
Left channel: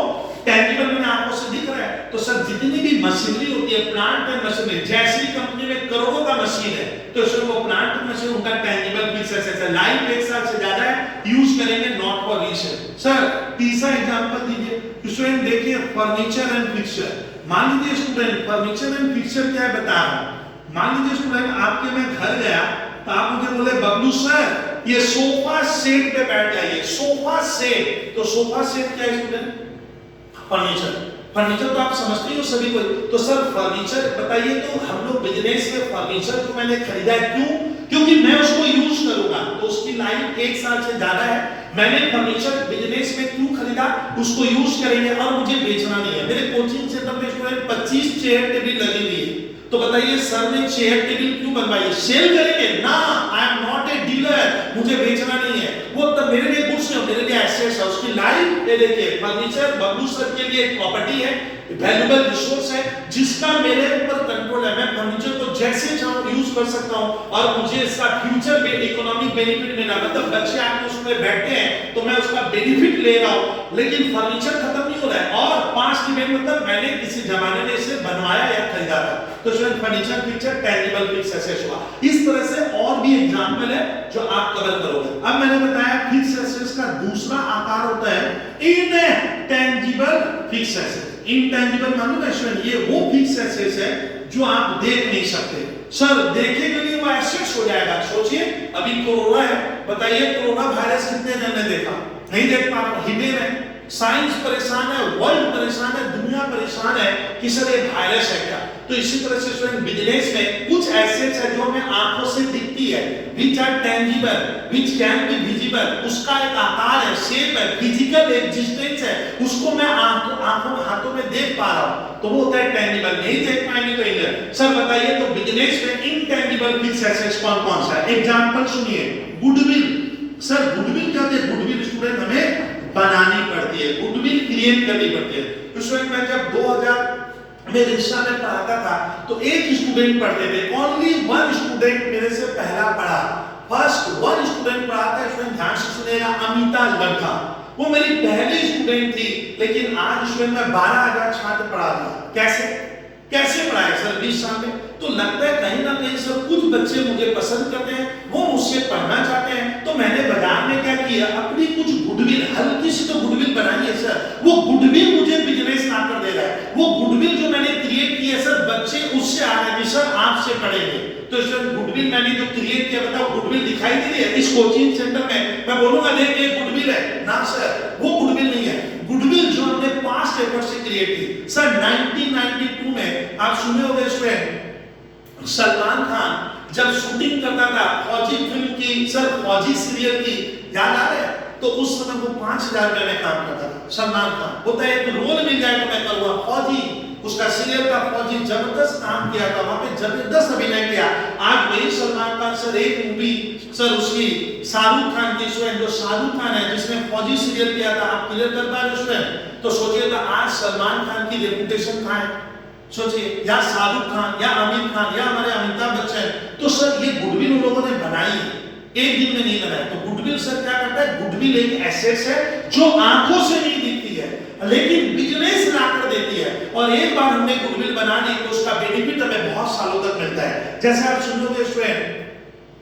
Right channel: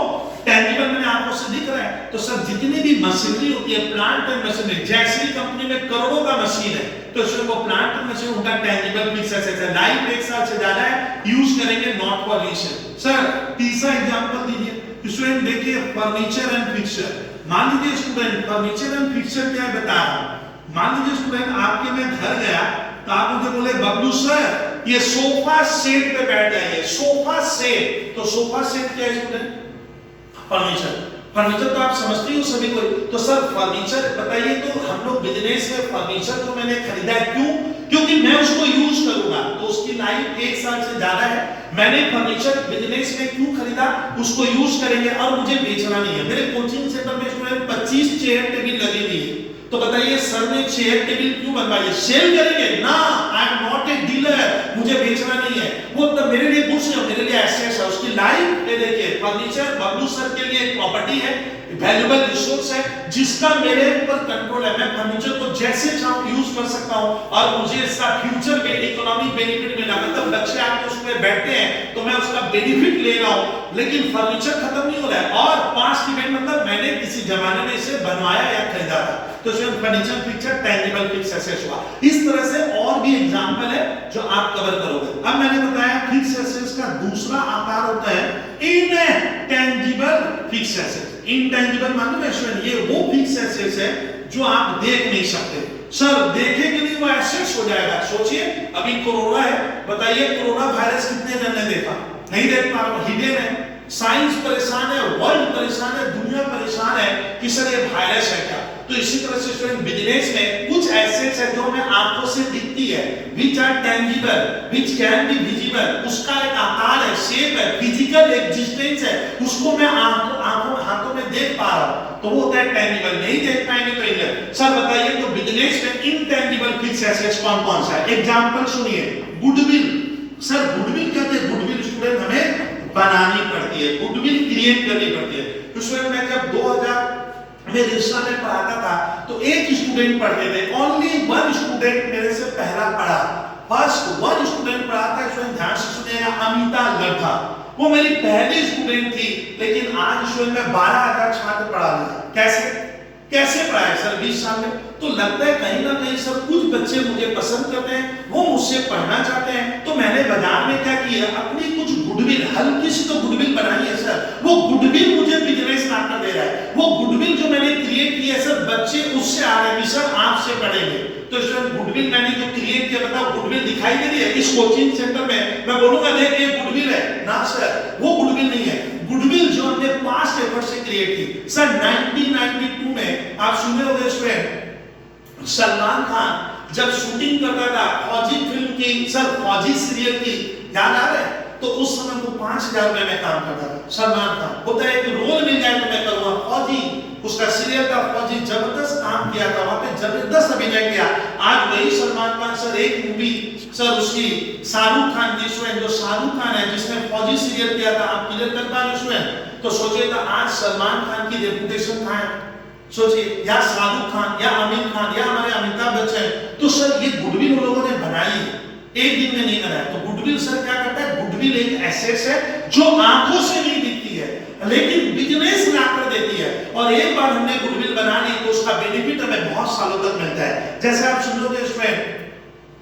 टेंजिबल मैंने आंखों से दिख रहा है। तो सर जितनी भी मशीनरी होती है, प्लांट एंड मशीनरी, जैसी भी कंपनी में करोड़ों का मशीन है, तो उसमें वो प्लांट एंड मशीन उनका टेंजिबल फिक्स एसेट है, लाइफ 1 साल से ज्यादा है, यूज करेंगे, नॉट फॉर रीसेल। सर तीसरा एग्जांपल दीजिए स्टूडेंट, देखिए फर्नीचर एंड फिक्सचर। मान लीजिए स्टूडेंट फर्नीचर एंड फिक्सचर क्या है बता रहा हूं। मान लीजिए स्टूडेंट आपके मैं घर गया तो आप मुझे बोले बबलू सर ये सोफा सेट पे बैठ जाइए, सोफा सेट। तो सोफा सेट क्या है स्टूडेंट? फर्नीचर। फर्नीचर तो आप समझते ही हो सभी को। तो सर फर्नीचर बताइए, तो हम लोग बिजनेस में फर्नीचर जो मैंने खरीदा है क्यों? क्योंकि मैं उसको यूज करूंगा, तो उसकी लाइफ 1 साल से ज्यादा है। मैंने फर्नीचर बिजनेस में क्यों खरीदा? उसको यूज करेंगे और मुझे बेचना नहीं है। मेरे कोचिंग सेंटर में स्टूडेंट 25 चेयर टेबल लगी हुई है, तो बताइए सर ने चेयर टेबल क्यों बनवाई? सेल करेंगे ना, I am not a dealer, मुझे बेचना नहीं है। वो तब मेरे लिए गुड्स है, मेरे लिए एसेट्स है। उसकी लाइफ ये देखिए, फर्नीचर बबलू सर के लिए एक प्रॉपर्टी है, वैल्यूएबल रिसोर्स है, जिसका मेरे ऊपर कंट्रोल है। मैं फर्नीचर को जैसे चाहूं यूज कर सकता हूं और मुझे इसका फ्यूचर में इकोनॉमिक बेनिफिट मिला। मतलब बच्चे आके उसमें बैठते हैं तो मैं उसका बेनिफिट ले रहा हूं, लेकिन फर्नीचर खत्म नहीं हो रहा है। और 5 डिपेंड मतलब मैंने किसी जमाने में इसे बनवाया या खरीदा था, तो furniture fixture tangible fixed asset हुआ। इस तरह से और भी एग्जांपल है जो आप कवर करोगे। अब मैंने बताया फिक्स एसेट्स का दूसरा आकार होता है इनटेंजिबल फिक्स एसेट। इनटेंजिबल मालूम है स्टूडेंट, ये वो फिक्स एसेट्स है जो आप देख नहीं सकते। सर देखेंगे नहीं वो एसेट्स हो जाएगा। सोचिए अभी कोरोना है, बताइए कोरोना वायरस कितने जन ने देखा? नहीं देख पा रहे, हिडन है। साइंस परेशान है, वर्ल्ड परेशान है, दुनिया परेशान है कि सर ये वायरस है क्या। तो इसी तरह से स्टूडेंट बिजनेस में कुछ एसेट्स है जो हमें आंखों से दिखती है, which are tangible, which can be visible, उसका एक आकार है, शेप है, फिजिकल एग्जिस्टेंस है, उसको मैं आंखों हाथों में देख पा रहा हूं, तो वो होता है टेंजिबल। नहीं देख पाएंगे तो इनर। सर बताइए तो बिजनेस में इनटेंजिबल फिक्स एसेट्स कौन कौन सा है? एग्जांपल सुनिए, गुडविल। सर गुडविल क्या है? गुडविल स्टूडेंट हमें बनानी पड़ती है, गुडविल क्रिएट करनी पड़ती है। तो स्टूडेंट मैं जब 2000 में रिश्ता में पढ़ाता था तो एक स्टूडेंट पढ़ते थे, ओनली 1 स्टूडेंट मेरे से पहला पढ़ा, फर्स्ट 1 स्टूडेंट पढ़ा था। स्टूडेंट ध्यान से सुनिएगा, अमिता लड़का, वो मेरी पहली स्टूडेंट थी, लेकिन आज स्टूडेंट मैं 12,000 छात्र पढ़ा दिया। कैसे पढ़ाया सर 20 साल में? तो लगता है कहीं ना कहीं सर कुछ बच्चे मुझे पसंद करते हैं, वो मुझसे पढ़ना चाहते हैं। तो मैंने बाजार में क्या किया, अपनी कुछ गुडविल, हल्की सी तो गुडविल बनाई है सर, वो गुडविल मुझे बिजनेस पार्टनर दे रहा है। वो गुडविल जो मैंने क्रिएट की है सर, बच्चे उससे आ रहे हैं सर आपसे पढ़ेंगे। तो सर गुडविल मैंने जो क्रिएट किया, बताओ गुडविल दिखाई दे रही है इस कोचिंग सेंटर में? मैं बोलूंगा देख ये गुडविल है ना सर, वो गुडविल नहीं है। गुडविल जो हमने पास्ट एफर्ट से क्रिएट की। सर 1992 में आप सुने होंगे स्टूडेंट, सलमान खान जब शूटिंग करता था फौजी फिल्म की, सर फौजी सीरियल की, याद आ रहा है? तो उस समय वो 5,000 रुपए में काम करता था। सलमान खान होता है एक रोल मिल जाए तो मैं करूंगा फौजी, उसका सीरियल का फौजी, जबरदस्त काम किया था, वहां पे जबरदस्त अभिनय किया। आज वही सलमान खान सर एक मूवी सर उसकी शाहरुख खान की स्टूडेंट, जो शाहरुख खान है जिसने फौजी सीरियल किया था, आप क्लियर कर पा रहे स्टूडेंट? तो सोचिए तो आज सलमान खान की रेपुटेशन कहां है? सोचिए, या शाहरुख खान या आमिर खान या हमारे अमिताभ बच्चन। तो सर ये गुडविल उन लोगों ने बनाई, एक दिन में नहीं बनाई। तो गुडविल सर क्या करता है? गुडविल एक एसेट है जो आंखों से नहीं दिखती है, लेकिन बिजनेस लाकर देती है। और एक बार हमने गुडविल बना ली तो उसका बेनिफिट हमें बहुत सालों तक मिलता है। जैसे आप सुनोगे स्टूडेंट,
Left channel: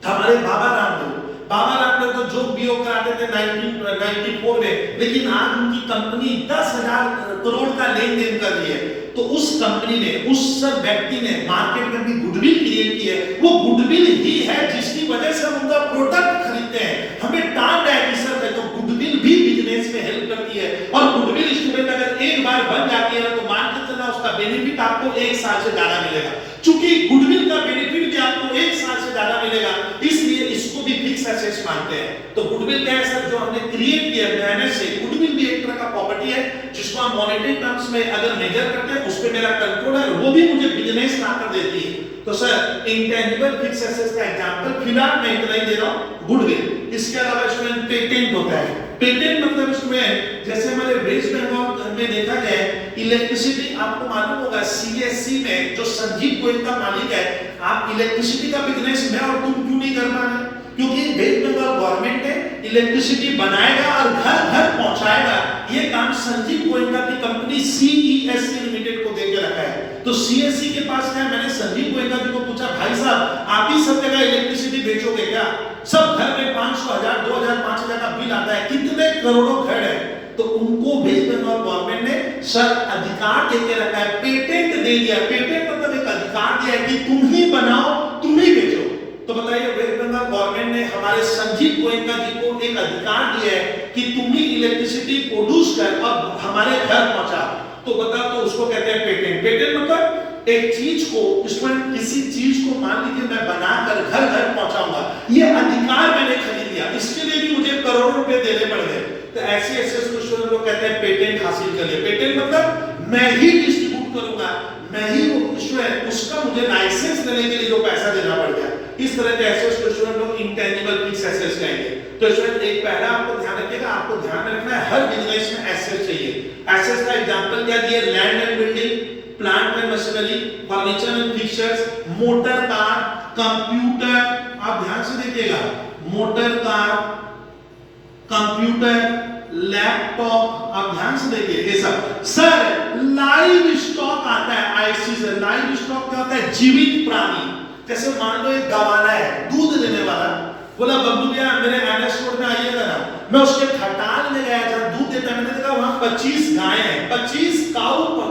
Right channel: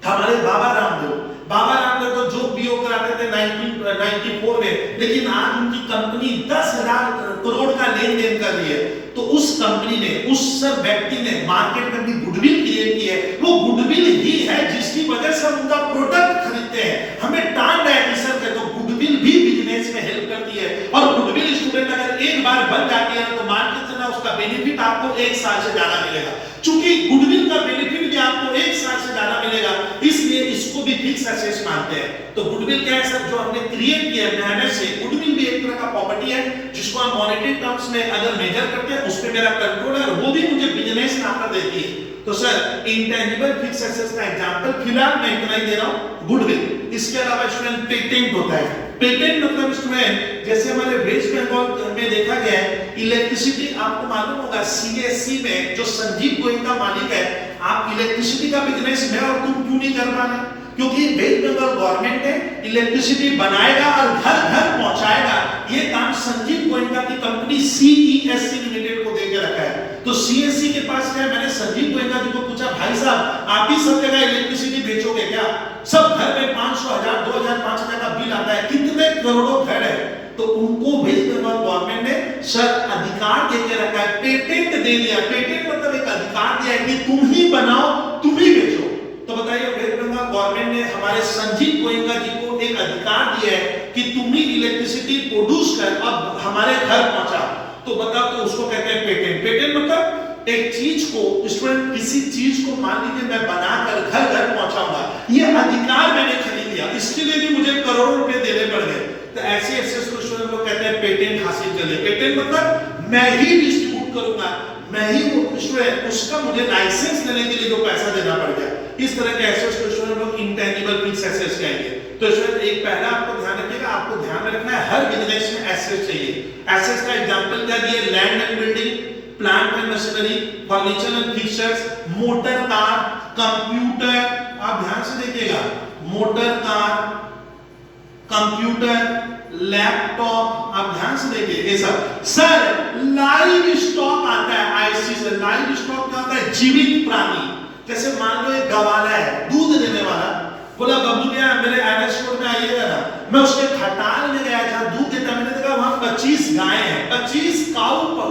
हमारे बाबा रामदेव तो जो बीओ कराते थे 1994 में, लेकिन आज उनकी कंपनी 10,000 करोड़ का लेन देन कर रही है। तो उस कंपनी ने, उस सब व्यक्ति ने मार्केट में भी गुडविल क्रिएट की है। वो गुडविल ही है जिसकी वजह से हम उनका प्रोडक्ट खरीदते हैं। हमें टाइम है कि सर तो गुडविल भी बिजनेस में हेल्प करती है। और गुडविल स्टूडेंट अगर एक बार बन जाती है तो मान के चलना उसका बेनिफिट आपको 1 साल से ज्यादा मिलेगा। चूंकि गुडविल का बेनिफिट भी आपको 1 साल से ज्यादा मिलेगा, इसलिए इसको भी फिक्स एसेट्स मानते हैं। तो गुडविल क्या है सर? जो हमने क्रिएट किया है मेहनत से। गुडविल भी एक तरह का प्रॉपर्टी है जिसको हम मॉनेटरी टर्म्स में अगर मेजर करते हैं, उस पे मेरा कंट्रोल है, वो भी मुझे बिजनेस पार्टनर देती है। तो सर इंटेंजिबल फिक्स एसेट्स का एग्जांपल फिलहाल मैं इतना ही दे रहा हूं, गुडविल। इसके अलावा स्टूडेंट पेटेंट होता है। पेटेंट मतलब स्टूडेंट जैसे हमारे वेस्ट बंगाल में देखा गया है, इलेक्ट्रिसिटी, आपको मालूम होगा सीएससी में जो संजीव गोयनका मालिक है, आप इलेक्ट्रिसिटी का बिजनेस मैं और तुम क्यों नहीं कर पा रहे? क्योंकि वेस्ट बंगाल गवर्नमेंट है, इलेक्ट्रिसिटी बनाएगा और घर घर पहुंचाएगा, ये काम संजीव गोयनका की कंपनी CESC लिमिटेड को देके रखा है। तो CESC के पास क्या है, मैंने संजीव गोयनका जी को पूछा, भाई साहब आप ही सब जगह इलेक्ट्रिसिटी बेचोगे क्या? सब घर में 500, 1000, 2000, 5000 का बिल आता है, कितने करोड़ों घर है। तो उनको वेस्ट बंगाल गवर्नमेंट ने सर अधिकार देके रखा है, पेटेंट दे दिया। पेटेंट मतलब एक अधिकार दिया है कि तुम ही बनाओ, तुम ही बेचो। तो बताइए वेस्ट बंगाल गवर्नमेंट ने हमारे संजीव गोयनका जी को एक अधिकार दिया है कि तुम ही इलेक्ट्रिसिटी प्रोड्यूस कर अब हमारे घर पहुंचा। तो बताओ, तो उसको कहते हैं पेटेंट। पेटेंट मतलब एक चीज को, स्टूडेंट किसी चीज को मान लीजिए मैं बनाकर घर घर पहुंचाऊंगा, ये अधिकार मैंने खरीद लिया, इसके लिए भी मुझे करोड़ों रुपए देने पड़ गए। तो ऐसे ऐसे स्टूडेंट लोग कहते हैं पेटेंट हासिल कर लिया। पेटेंट मतलब मैं ही डिस्ट्रीब्यूट करूंगा, मैं ही स्टूडेंट, उसका मुझे लाइसेंस लेने के लिए जो पैसा देना पड़ गया। इस तरह के एसेट्स को स्टूडेंट लोग इंटेंजिबल फिक्स एसेट्स कहेंगे। तो स्टूडेंट एक पहला आपको ध्यान रखिएगा, आपको ध्यान में रखना है हर बिजनेस में एसेट्स चाहिए। एसेट्स का एग्जांपल क्या दिया, land and building, plant and machinery, furniture and fixtures, motor car, computer, आप ध्यान से देखिएगा, मोटर कार, कंप्यूटर, लैपटॉप, आप ध्यान से देखिए ये सब। सर लाइव स्टॉक आता है आईसी से। लाइव स्टॉक क्या होता है, जीवित प्राणी। जैसे मान लो एक गवाला है, दूध देने वाला, बोला बब्बू भैया मेरे एनएस रोड में आइएगा ना, मैं उसके खटाल में गया जहां दूध देता है, मैंने देखा वहां 25 गाय हैं, 25 काऊ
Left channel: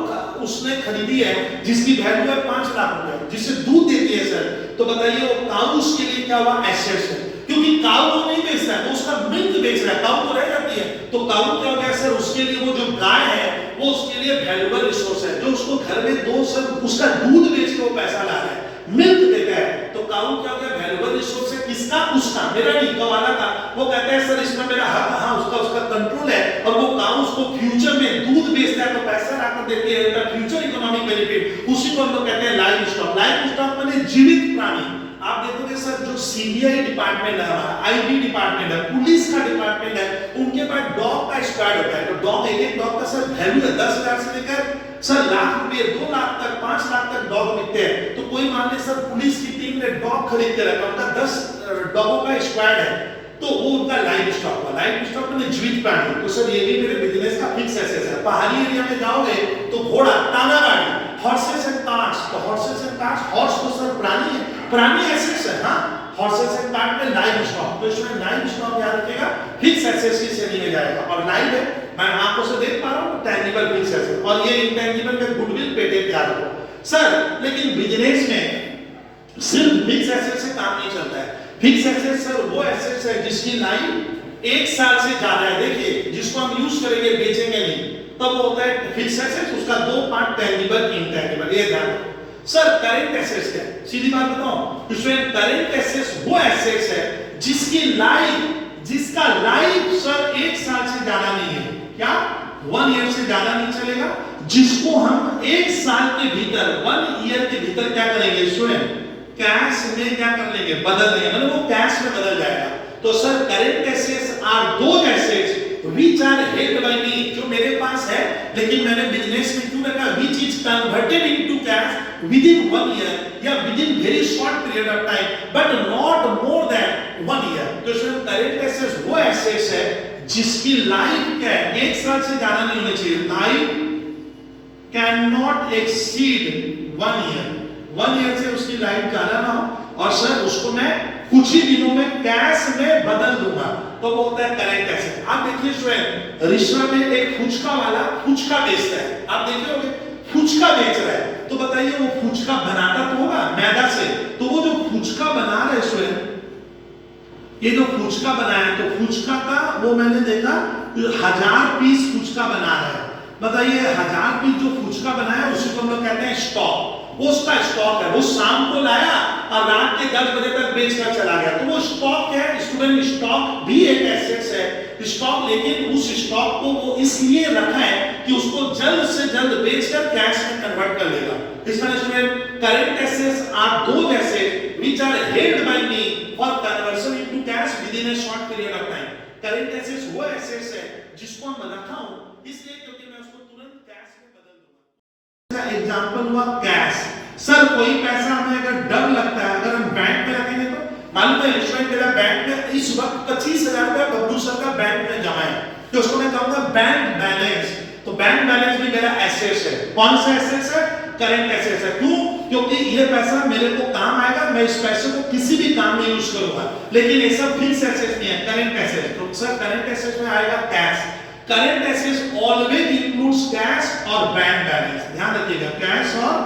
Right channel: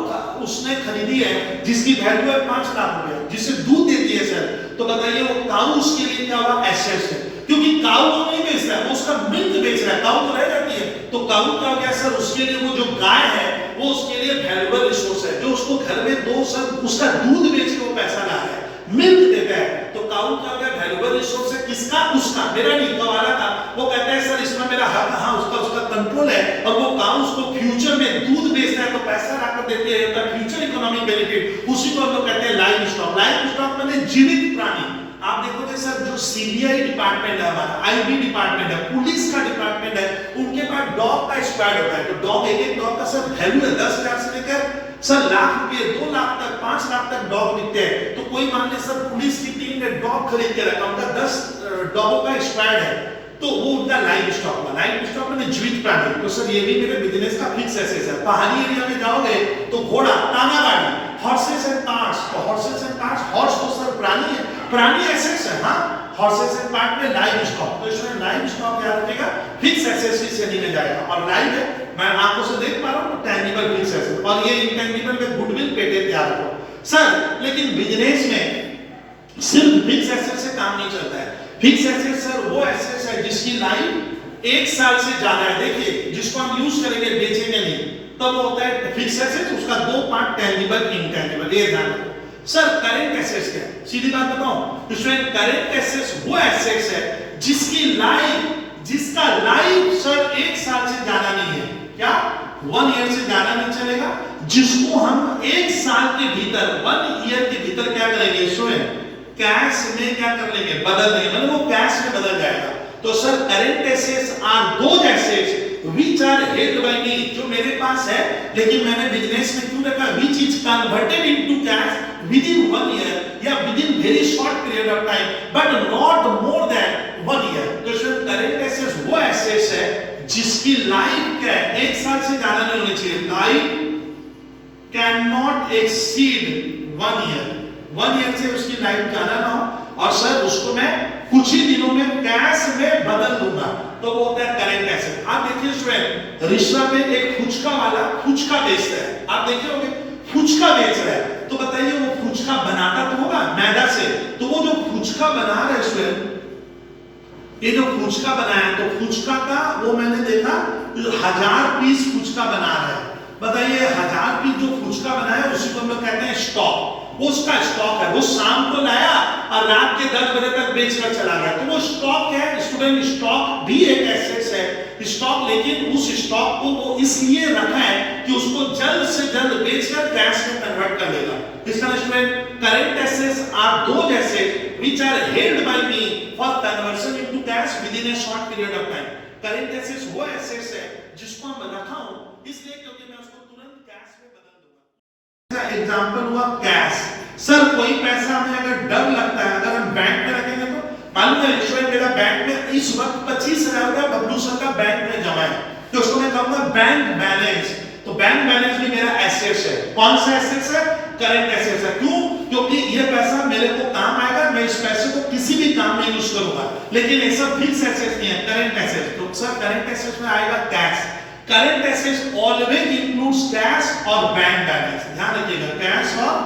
उसने खरीदी है जिसकी वैल्यू है 5 लाख रुपए, जिससे दूध देती है सर। तो बताइए वो काऊ उसके लिए क्या हुआ, एसेट्स है, क्योंकि काऊ वो नहीं बेचता है, वो उसका मिल्क बेच रहा है, काऊ तो रह जाती है। तो काऊ क्या हो गया सर, उसके लिए वो जो गाय है वो उसके लिए वैल्यूएबल रिसोर्स है, जो उसको घर में दो सर उसका दूध बेच के वो पैसा ला रहा है, मिल्क देता है। तो काऊ क्या हो गया, वैल्यूएबल रिसोर्स है, किसका, उसका, मेरा नहीं, गवाला का। वो कहता है सर इसमें मेरा हक, हाँ उसका कंट्रोल है, और वो काऊ उसको फ्यूचर में दूध बेचता है तो पैसा लाकर देती है, फ्यूचर इकोनॉमिक बेनिफिट, उसी को हम लोग कहते हैं लाइव स्टॉक। लाइव स्टॉक माने जीवित प्राणी। आप देखोगे सर जो सीबीआई डिपार्टमेंट है हमारा, आईबी डिपार्टमेंट है, पुलिस का डिपार्टमेंट है, उनके पास डॉग का स्क्वाड होता है। तो डॉग, एक डॉग का सर वैल्यू है 10,000 से लेकर सर लाख रुपए, 2 लाख तक, 5 लाख तक डॉग बिकते हैं। तो कोई मान ले सर पुलिस की टीम ने डॉग खरीद के रखा, उनका 10 डॉगों का स्क्वाड है, तो वो उनका लाइव स्टॉक है। लाइव स्टॉक में जीवित प्राणी। तो सर ये भी मेरे बिजनेस का फिक्स एसेट है। पहाड़ी एरिया में जाओगे तो घोड़ा, टाना गाड़ी, हॉर्सेस एंड कार्ट्स। तो हॉर्सेस एंड कार्ट्स, हॉर्स तो सर प्राणी है, प्राणी एसेट्स है, हाँ, हॉर्सेस एंड कार्ट में लाइव स्टॉक। तो इसमें लाइव स्टॉक याद रखिएगा, फिक्स एसेट्स की श्रेणी में जाएगा। और लाइव है, मैं आंखों से देख पा रहा हूं, टेंजिबल फिक्स एसेट, और ये इंटेंजिबल में गुडविल, पेटेंट याद रखो सर। लेकिन बिजनेस में सिर्फ फिक्स एसेट से काम नहीं चलता है। फिक्स एसेट सर वो एसेट्स है जिसकी लाइफ 1 साल से ज्यादा है। देखिए जिसको हम यूज करेंगे, बेचेंगे नहीं, तब वो होता है फिक्स एसेट। उसका 2 पार्ट, टेंजिबल, इंटेंजिबल, ये ध्यान रखो सर। करंट एसेट्स क्या है, सीधी बात बताऊं, इसमें करंट एसेट्स वो एसेट्स है जिसकी लाइफ, जिसका लाइफ सर 1 साल से ज्यादा नहीं है। क्या 1 ईयर से ज्यादा नहीं चलेगा, जिसको हम 1 साल के भीतर, 1 ईयर के भीतर क्या करेंगे स्टूडेंट, कैश में क्या कर लेंगे, बदल देंगे, मतलब वो कैश में बदल जाएगा। तो sir current assets are those assets which are held by me, जो मेरे पास है लेकिन मैंने बिजनेस में क्यों रखा, which is converted into cash with in 1 year या within very short period of time, but not more than 1 year. तो सर करंट एसेट्स वो एसेट्स है जिसकी लाइफ क्या है, 1 साल से ज्यादा नहीं होनी चाहिए। Life can not exceed 1 year, 1 year से उसकी लाइफ ज्यादा ना हो, और सर उसको मैं कुछ ही दिनों में कैश में बदल दूंगा, तो वो होता है करंट एसेट। आप देखिए स्टूडेंट, रिश्ता में एक फुचका वाला फुचका बेचता है, आप देखे होंगे फुचका बेच रहा है, तो बताइए वो फुचका बनाता तो होगा मैदा से, तो वो जो फुचका बना रहा है स्टूडेंट, ये जो फुचका बनाया, तो फुचका का वो मैंने देखा 1000 पीस फुचका बना रहा है। बताइए 1000 पीस जो फुचका बनाया उसी को हम लोग कहते हैं स्टॉक। वो उसका स्टॉक है, वो शाम को लाया और रात के 10 बजे तक बेचकर चला गया, तो वो स्टॉक क्या है स्टूडेंट, स्टॉक भी एक एसेट्स है स्टॉक, लेकिन उस स्टॉक को वो इसलिए रखा है कि उसको जल्द से जल्द बेचकर कैश में कन्वर्ट कर लेगा। इसका student current assets are those assets which are held by me for conversion into cash with in a short period of time. Current assets वो एसेट्स है जिसको हम रखा हूं इसलिए क्योंकि मैं उसको तुरंत कैश में बदल दूंगा। एग्जांपल हुआ कैश। सर कोई पैसा हमें अगर डर लगता है, अगर हम बैंक में रखेंगे तो मालूम है स्टूडेंट मेरा बैंक में इस वक्त 25,000 रुपया बब्लू सर का बैंक में जमा है, तो उसको मैं कहूंगा बैंक बैलेंस। तो बैंक बैलेंस भी मेरा एसेट्स है। कौन सा एसेट्स है? करंट एसेट्स है। क्यों? क्योंकि ये पैसा मेरे को काम आएगा, मैं इस पैसे को किसी भी काम में यूज करूंगा। लेकिन ये सब फिक्स एसेट्स नहीं है, करंट एसेट्स। तो सर करंट एसेट्स में आएगा cash. Current assets always includes cash और बैंक बैलेंस। ध्यान रखिएगा, कैश और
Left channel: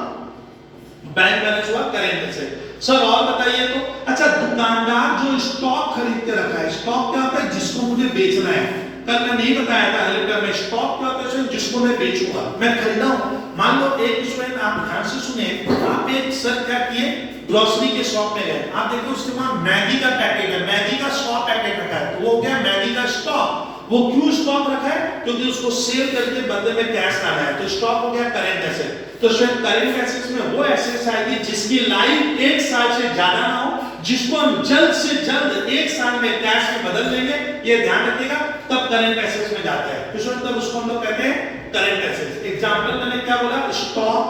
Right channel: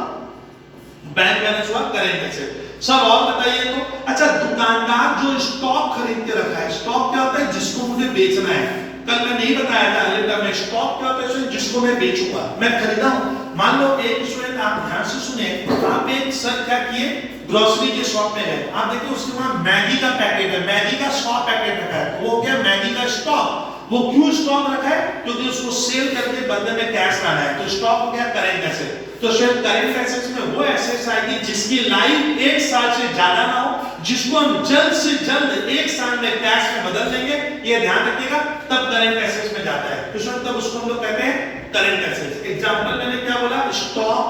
बैंक बैलेंस हुआ करंट एसेट। सर और बताइए तो, अच्छा दुकानदार जो स्टॉक खरीद के रखा है, स्टॉक क्या होता है? जिसको मुझे बेचना है। कल मैं नहीं बताया था हेलिकॉप्टर में स्टॉक क्या होता है? जिसको मैं बेचूंगा, मैं खरीदा हूं। मान लो एक स्टूडेंट, आप ध्यान से सुने, आप एक सर क्या किए, ग्रोसरी के शॉप में गए, आप देखिए उसके वहां मैगी का पैकेट है, मैगी का 100 पैकेट रखा है, वो क्या मैगी का स्टॉक। वो क्यों स्टॉक रखा है? क्योंकि उसको सेल करके बदले में कैश लाना है। तो स्टॉक हो गया करंट एसेट। तो शायद करंट एसेट्स में वो एसेट्स आएगी जिसकी लाइफ 1 साल से ज्यादा ना हो, जिसको हम जल्द से जल्द 1 साल में कैश में बदल देंगे, ये ध्यान रखिएगा, तब करंट एसेट्स में जाता है। तो शायद तब उसको हम लोग कहते हैं करंट एसेट्स। एग्जांपल मैंने क्या बोला? Stock,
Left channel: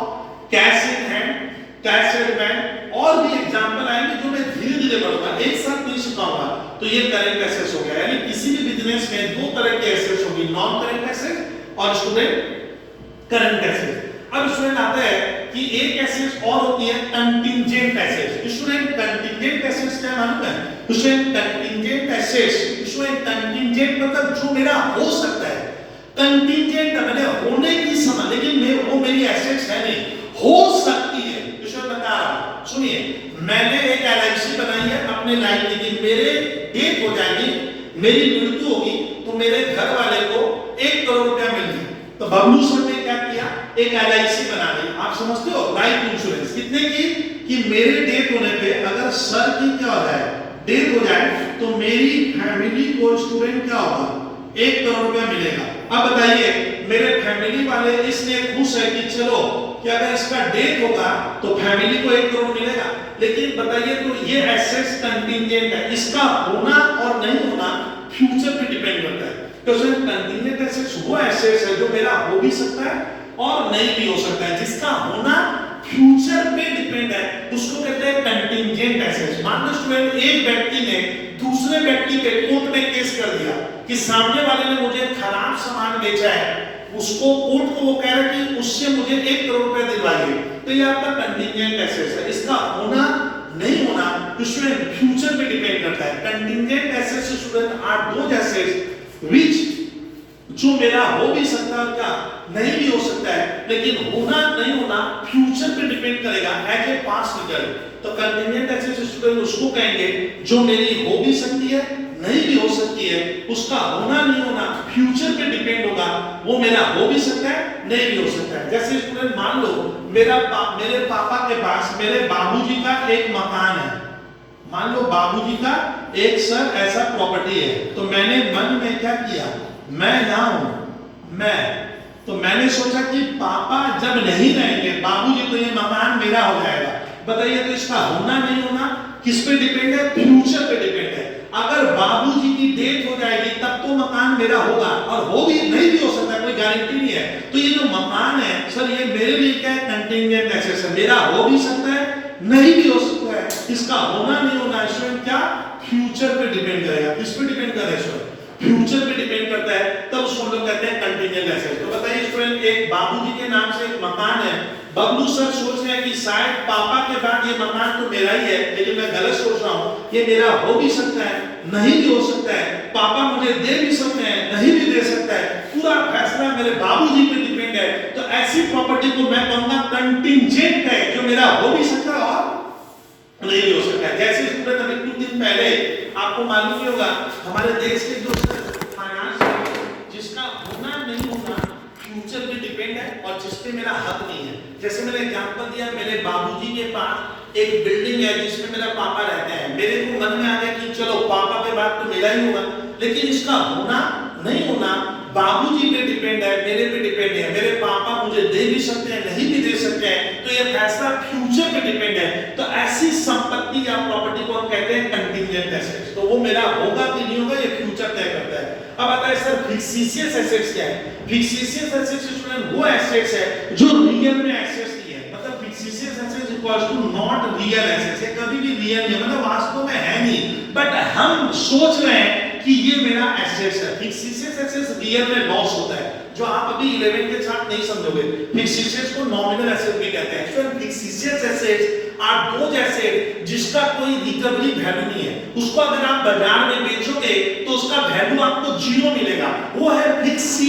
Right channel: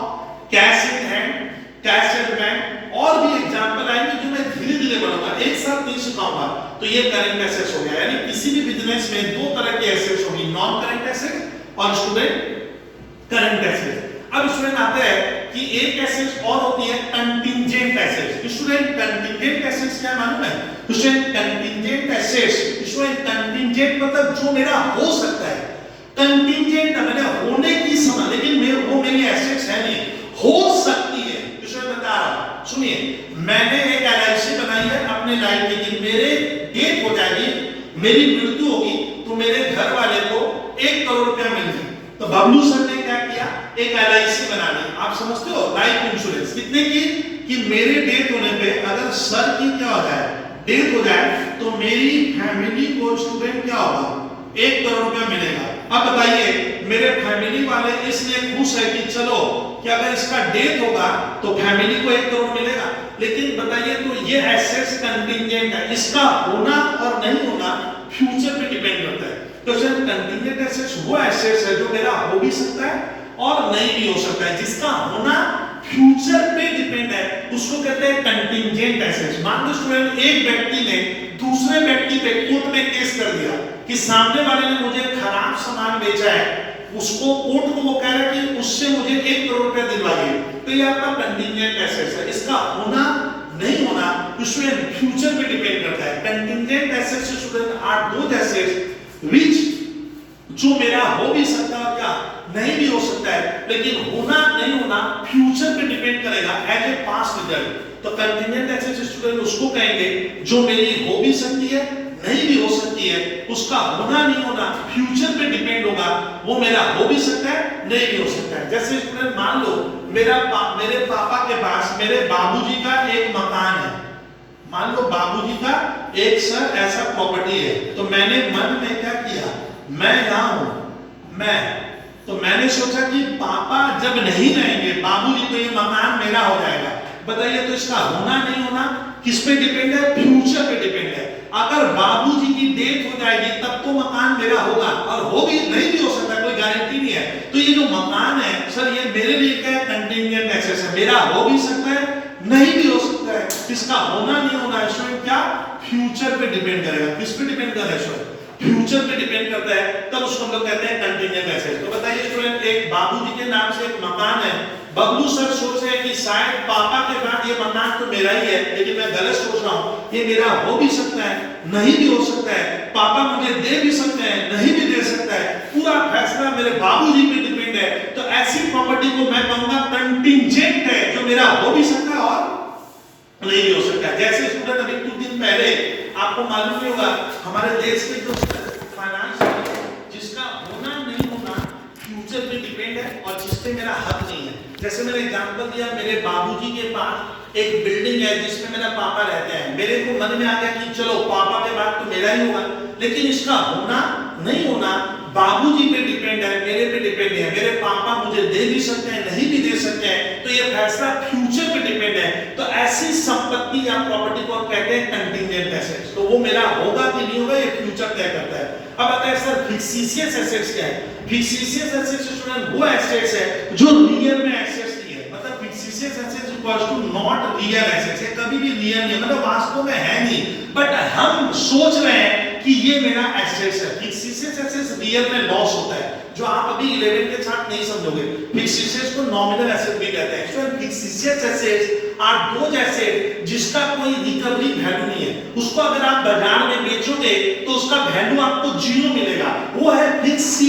cash in hand, cash at bank, और भी एग्जांपल आएंगे जो मैं धीरे-धीरे बोलूंगा, एक साथ नहीं सिखाऊंगा। तो ये करंट एसेट्स हो गया। यानी किसी भी बिजनेस में दो तरह के एसेट्स होगी, नॉन करंट एसेट और स्टूडेंट करंट एसेट। अब स्टूडेंट आता है कि एक एसेट्स और होती है contingent assets. Student contingent assets क्या मालूम है? Student contingent assets, student contingent मतलब जो मेरा हो सकता है। कंटिंजेंट मैंने होने की समझ, लेकिन वो मेरी एसेट्स है नहीं, हो सकती है। स्टूडेंट बता रहा हूं, सुनिए, मैंने एक एलआईसी बनाई है अपने लाइफ में कि मेरे डेथ हो जाएगी, मेरी मृत्यु होगी, तो मेरे घर वाले को 1 करोड़ रुपया मिल जाए। तो बबलू सर ने क्या किया? एक एलआईसी बना दी। आप समझते हो? लाइफ इंश्योरेंस कितने की? कि मेरे डेथ होने पे अगर सर की क्या हो जाए, डेथ हो जाए, तो मेरी फैमिली को स्टूडेंट क्या होगा? 1 करोड़ रुपया मिलेगा। अब बताइए, मेरे फैमिली वाले इसलिए खुश है कि चलो कि अगर इसका डेथ होगा तो फैमिली को 1 करोड़ मिलेगा। लेकिन बताइए, तो ये एसेट्स कंटिंजेंट है, इसका होना और नहीं होना फ्यूचर पे डिपेंड करता है। तो सर कंटिंजेंट एसेट्स वो एसेट्स है जो मेरा हो भी सकता है और नहीं भी हो सकता है, जिसका होना फ्यूचर पे डिपेंड है, उसको कहते हैं कंटिंजेंट एसेट्स। मान लो स्टूडेंट, एक व्यक्ति ने दूसरे व्यक्ति पे कोर्ट में केस कर दिया कि सामने वाले ने मुझे खराब सामान बेचा है, उसको कोर्ट को वो कह रहा है कि उससे मुझे 1 करोड़ रुपए दिलवाइए, तो ये आपका कंटिंजेंट एसेट्स है। इसका होना नहीं होना स्टूडेंट फ्यूचर पे डिपेंड करता है। Contingent assets student are those assets which, जो मेरा हो भी सकता है, क्या नहीं भी हो सकता है, लेकिन होना नहीं होना फ्यूचर पे डिपेंड करेगा एज ए पास्ट रिजल्ट। तो कंटिंजेंट एसेट्स स्टूडेंट उसको कहेंगे जो मेरी हो भी सकती है, नहीं भी हो सकती है, उसका होना नहीं होना फ्यूचर पे डिपेंड होगा, वो मेरा हो भी सकता है, नहीं भी हो सकता है। जैसे स्टूडेंट मान लो मेरे पापा के पास मेरे बाबूजी का एक मकान है, मान लो बाबूजी का एक सर ऐसा प्रॉपर्टी है, तो मैंने मन में क्या किया, मैं तो मैंने सोचा कि पापा जब नहीं रहेंगे, बाबूजी तो ये मकान मेरा हो जाएगा। बताइए, तो इसका होना नहीं होना किस पे डिपेंड है? फ्यूचर पे डिपेंड है। अगर बाबूजी की डेथ हो जाएगी तब तो मकान मेरा होगा, और हो भी नहीं भी हो सकता, कोई गारंटी नहीं है। तो ये जो मकान है सर, ये मेरे लिए क्या है? कंटिंजेंट एसेट्स है, मेरा हो भी सकता है, नहीं भी हो सकता है। इसका होना नहीं होना स्टूडेंट क्या फ्यूचर पे डिपेंड करेगा। किस पे डिपेंड कर रहा है स्टूडेंट? फ्यूचर पे डिपेंड करता है, तब उसको हम लोग कहते हैं कंटिंजेंट एसेट्स। तो बताइए स्टूडेंट, एक बाबूजी के नाम से एक मकान है, बबलू सर सोच रहे हैं कि शायद पापा के बाद ये मकान तो मेरा ही है, लेकिन मैं गलत सोच रहा हूँ, ये मेरा हो भी सकता है, नहीं भी हो सकता है, पापा मुझे दे भी सकते हैं, नहीं भी दे सकता है, पूरा फैसला मेरे बाबूजी पे डिपेंड है। तो ऐसी प्रॉपर्टी को मैं कहूंगा कंटिंजेंट है, जो मेरा हो भी सकता है और नहीं भी हो सकता है। जैसे स्टूडेंट अभी कुछ दिन पहले आपको मालूम ही होगा, हमारे देश के जो फाइनेंस जिसका होना नहीं होना फ्यूचर पे डिपेंड है और जिससे मेरा हक नहीं है। जैसे मैंने एग्जांपल दिया, मेरे बाबूजी के पास एक बिल्डिंग है जिसमें मेरा पापा रहते हैं, मेरे को मन में आ गया कि चलो पापा के बाद तो मेरा ही होगा, लेकिन इसका होना नहीं होना बाबूजी पे डिपेंड है, मेरे पे डिपेंड है। मेरे पापा मुझे दे भी सकते हैं, नहीं भी दे सकते हैं, तो ये फैसला फ्यूचर पे डिपेंड है। तो ऐसी संपत्ति या प्रॉपर्टी को हम कहते हैं कंटिंजेंट एसेट्स। तो वो मेरा होगा कि नहीं होगा, ये फ्यूचर तय करता है। अब आता है सर फिक्सिशियस एसेट्स क्या है? फिक्सिशियस एसेट्स स्टूडेंट वो एसेट्स है जो रियल में एसेट्स नहीं है। मतलब fictitious assets equals to not real assets, ये कभी भी रियल नहीं है, मतलब वास्तव में है नहीं, बट हम सोच रहे हैं कि ये मेरा एसेट्स है। फिक्सिशियस एसेट्स रियल में लॉस होता है, जो आप अभी 11 के साथ नहीं समझोगे। फिक्स्ड एसेट्स को नॉमिनल एसेट भी कहते हैं। Actually fixed assets are those asset जिसका कोई रिकवरी वैल्यू नहीं है, उसको अगर आप बाजार में बेचोगे तो उसका वैल्यू आपको जीरो मिलेगा, वो है फिक्स्ड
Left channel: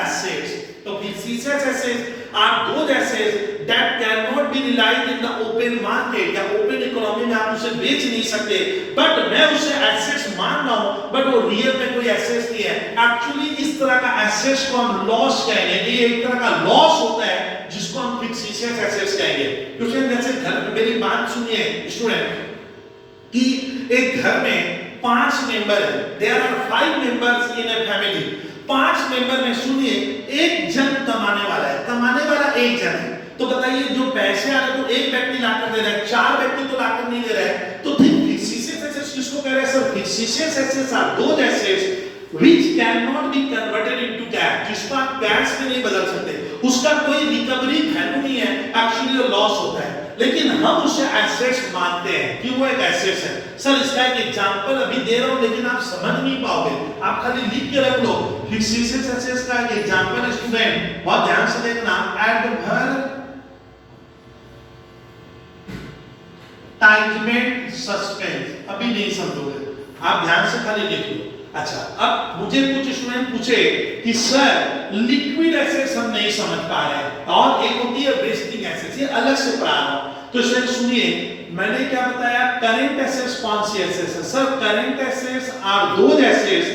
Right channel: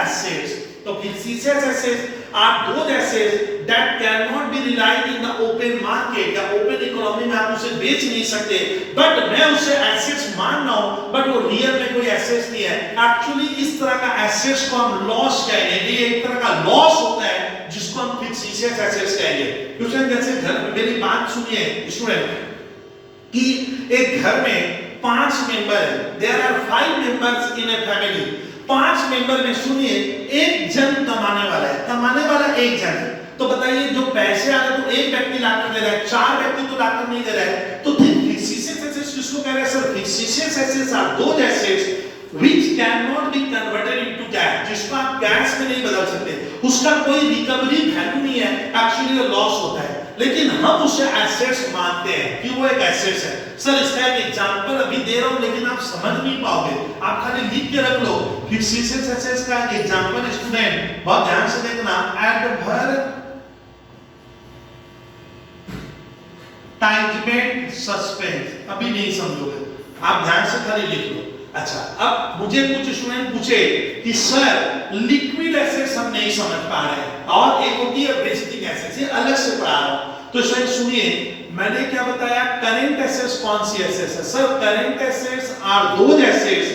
एसेट्स। तो fixed assets are those assets that cannot be relied in the open market या open economy में आप उसे बेच नहीं सकते, बट मैं उसे assets मान रहा हूँ बट वो रियल में कोई assets नहीं है। एक्चुअली इस तरह का assets को हम लॉस कहेंगे, ये एक तरह का लॉस होता है जिसको हम फिक्स्ड assets कहेंगे। स्टूडेंट जैसे घर में, मेरी बात सुनिए स्टूडेंट, कि एक घर में 5 मेंबर है, there are 5 members in a family। 5 member में सुनिए, एक जन कमाने वाला है, कमाने वाला एक जन है, तो बताइए जो पैसे आ रहे तो एक व्यक्ति लाकर दे रहा है, 4 व्यक्ति तो लाकर नहीं दे रहा है, तो फिक्स्ड एसेट्स किसको कह रहे हैं sir? Fixed assets are those assets which cannot be converted into cash, जिसको आप कैश में नहीं बदल सकते, उसका कोई रिकवरी वैल्यू नहीं है, एक्चुअली वो लॉस होता है, लेकिन हम उसे एसेट्स मानते हैं कि वो एक एसेट्स है। सर इसका एक एग्जांपल अभी दे रहा हूं लेकिन आप समझ नहीं पाओगे, आप खाली लिख के रख लो। फिक्स्ड एसेट्स का एक एग्जांपल स्टूडेंट बहुत ध्यान से देखना, एडवर्टाइजमेंट सस्पेंस, अभी नहीं समझोगे, आप ध्यान से खाली लिख लो। अच्छा, अब मुझे कुछ स्टूडेंट पूछे कि सर लिक्विड एसेट्स हम नहीं समझ पा रहे हैं और एक होती है वेस्टिंग एसेट्स, ये अलग से पढ़ा रहा हूं। तो स्टूडेंट सुनिए, मैंने क्या बताया, करंट एसेट्स कौन सी एसेट्स है? Sir current assets are those assets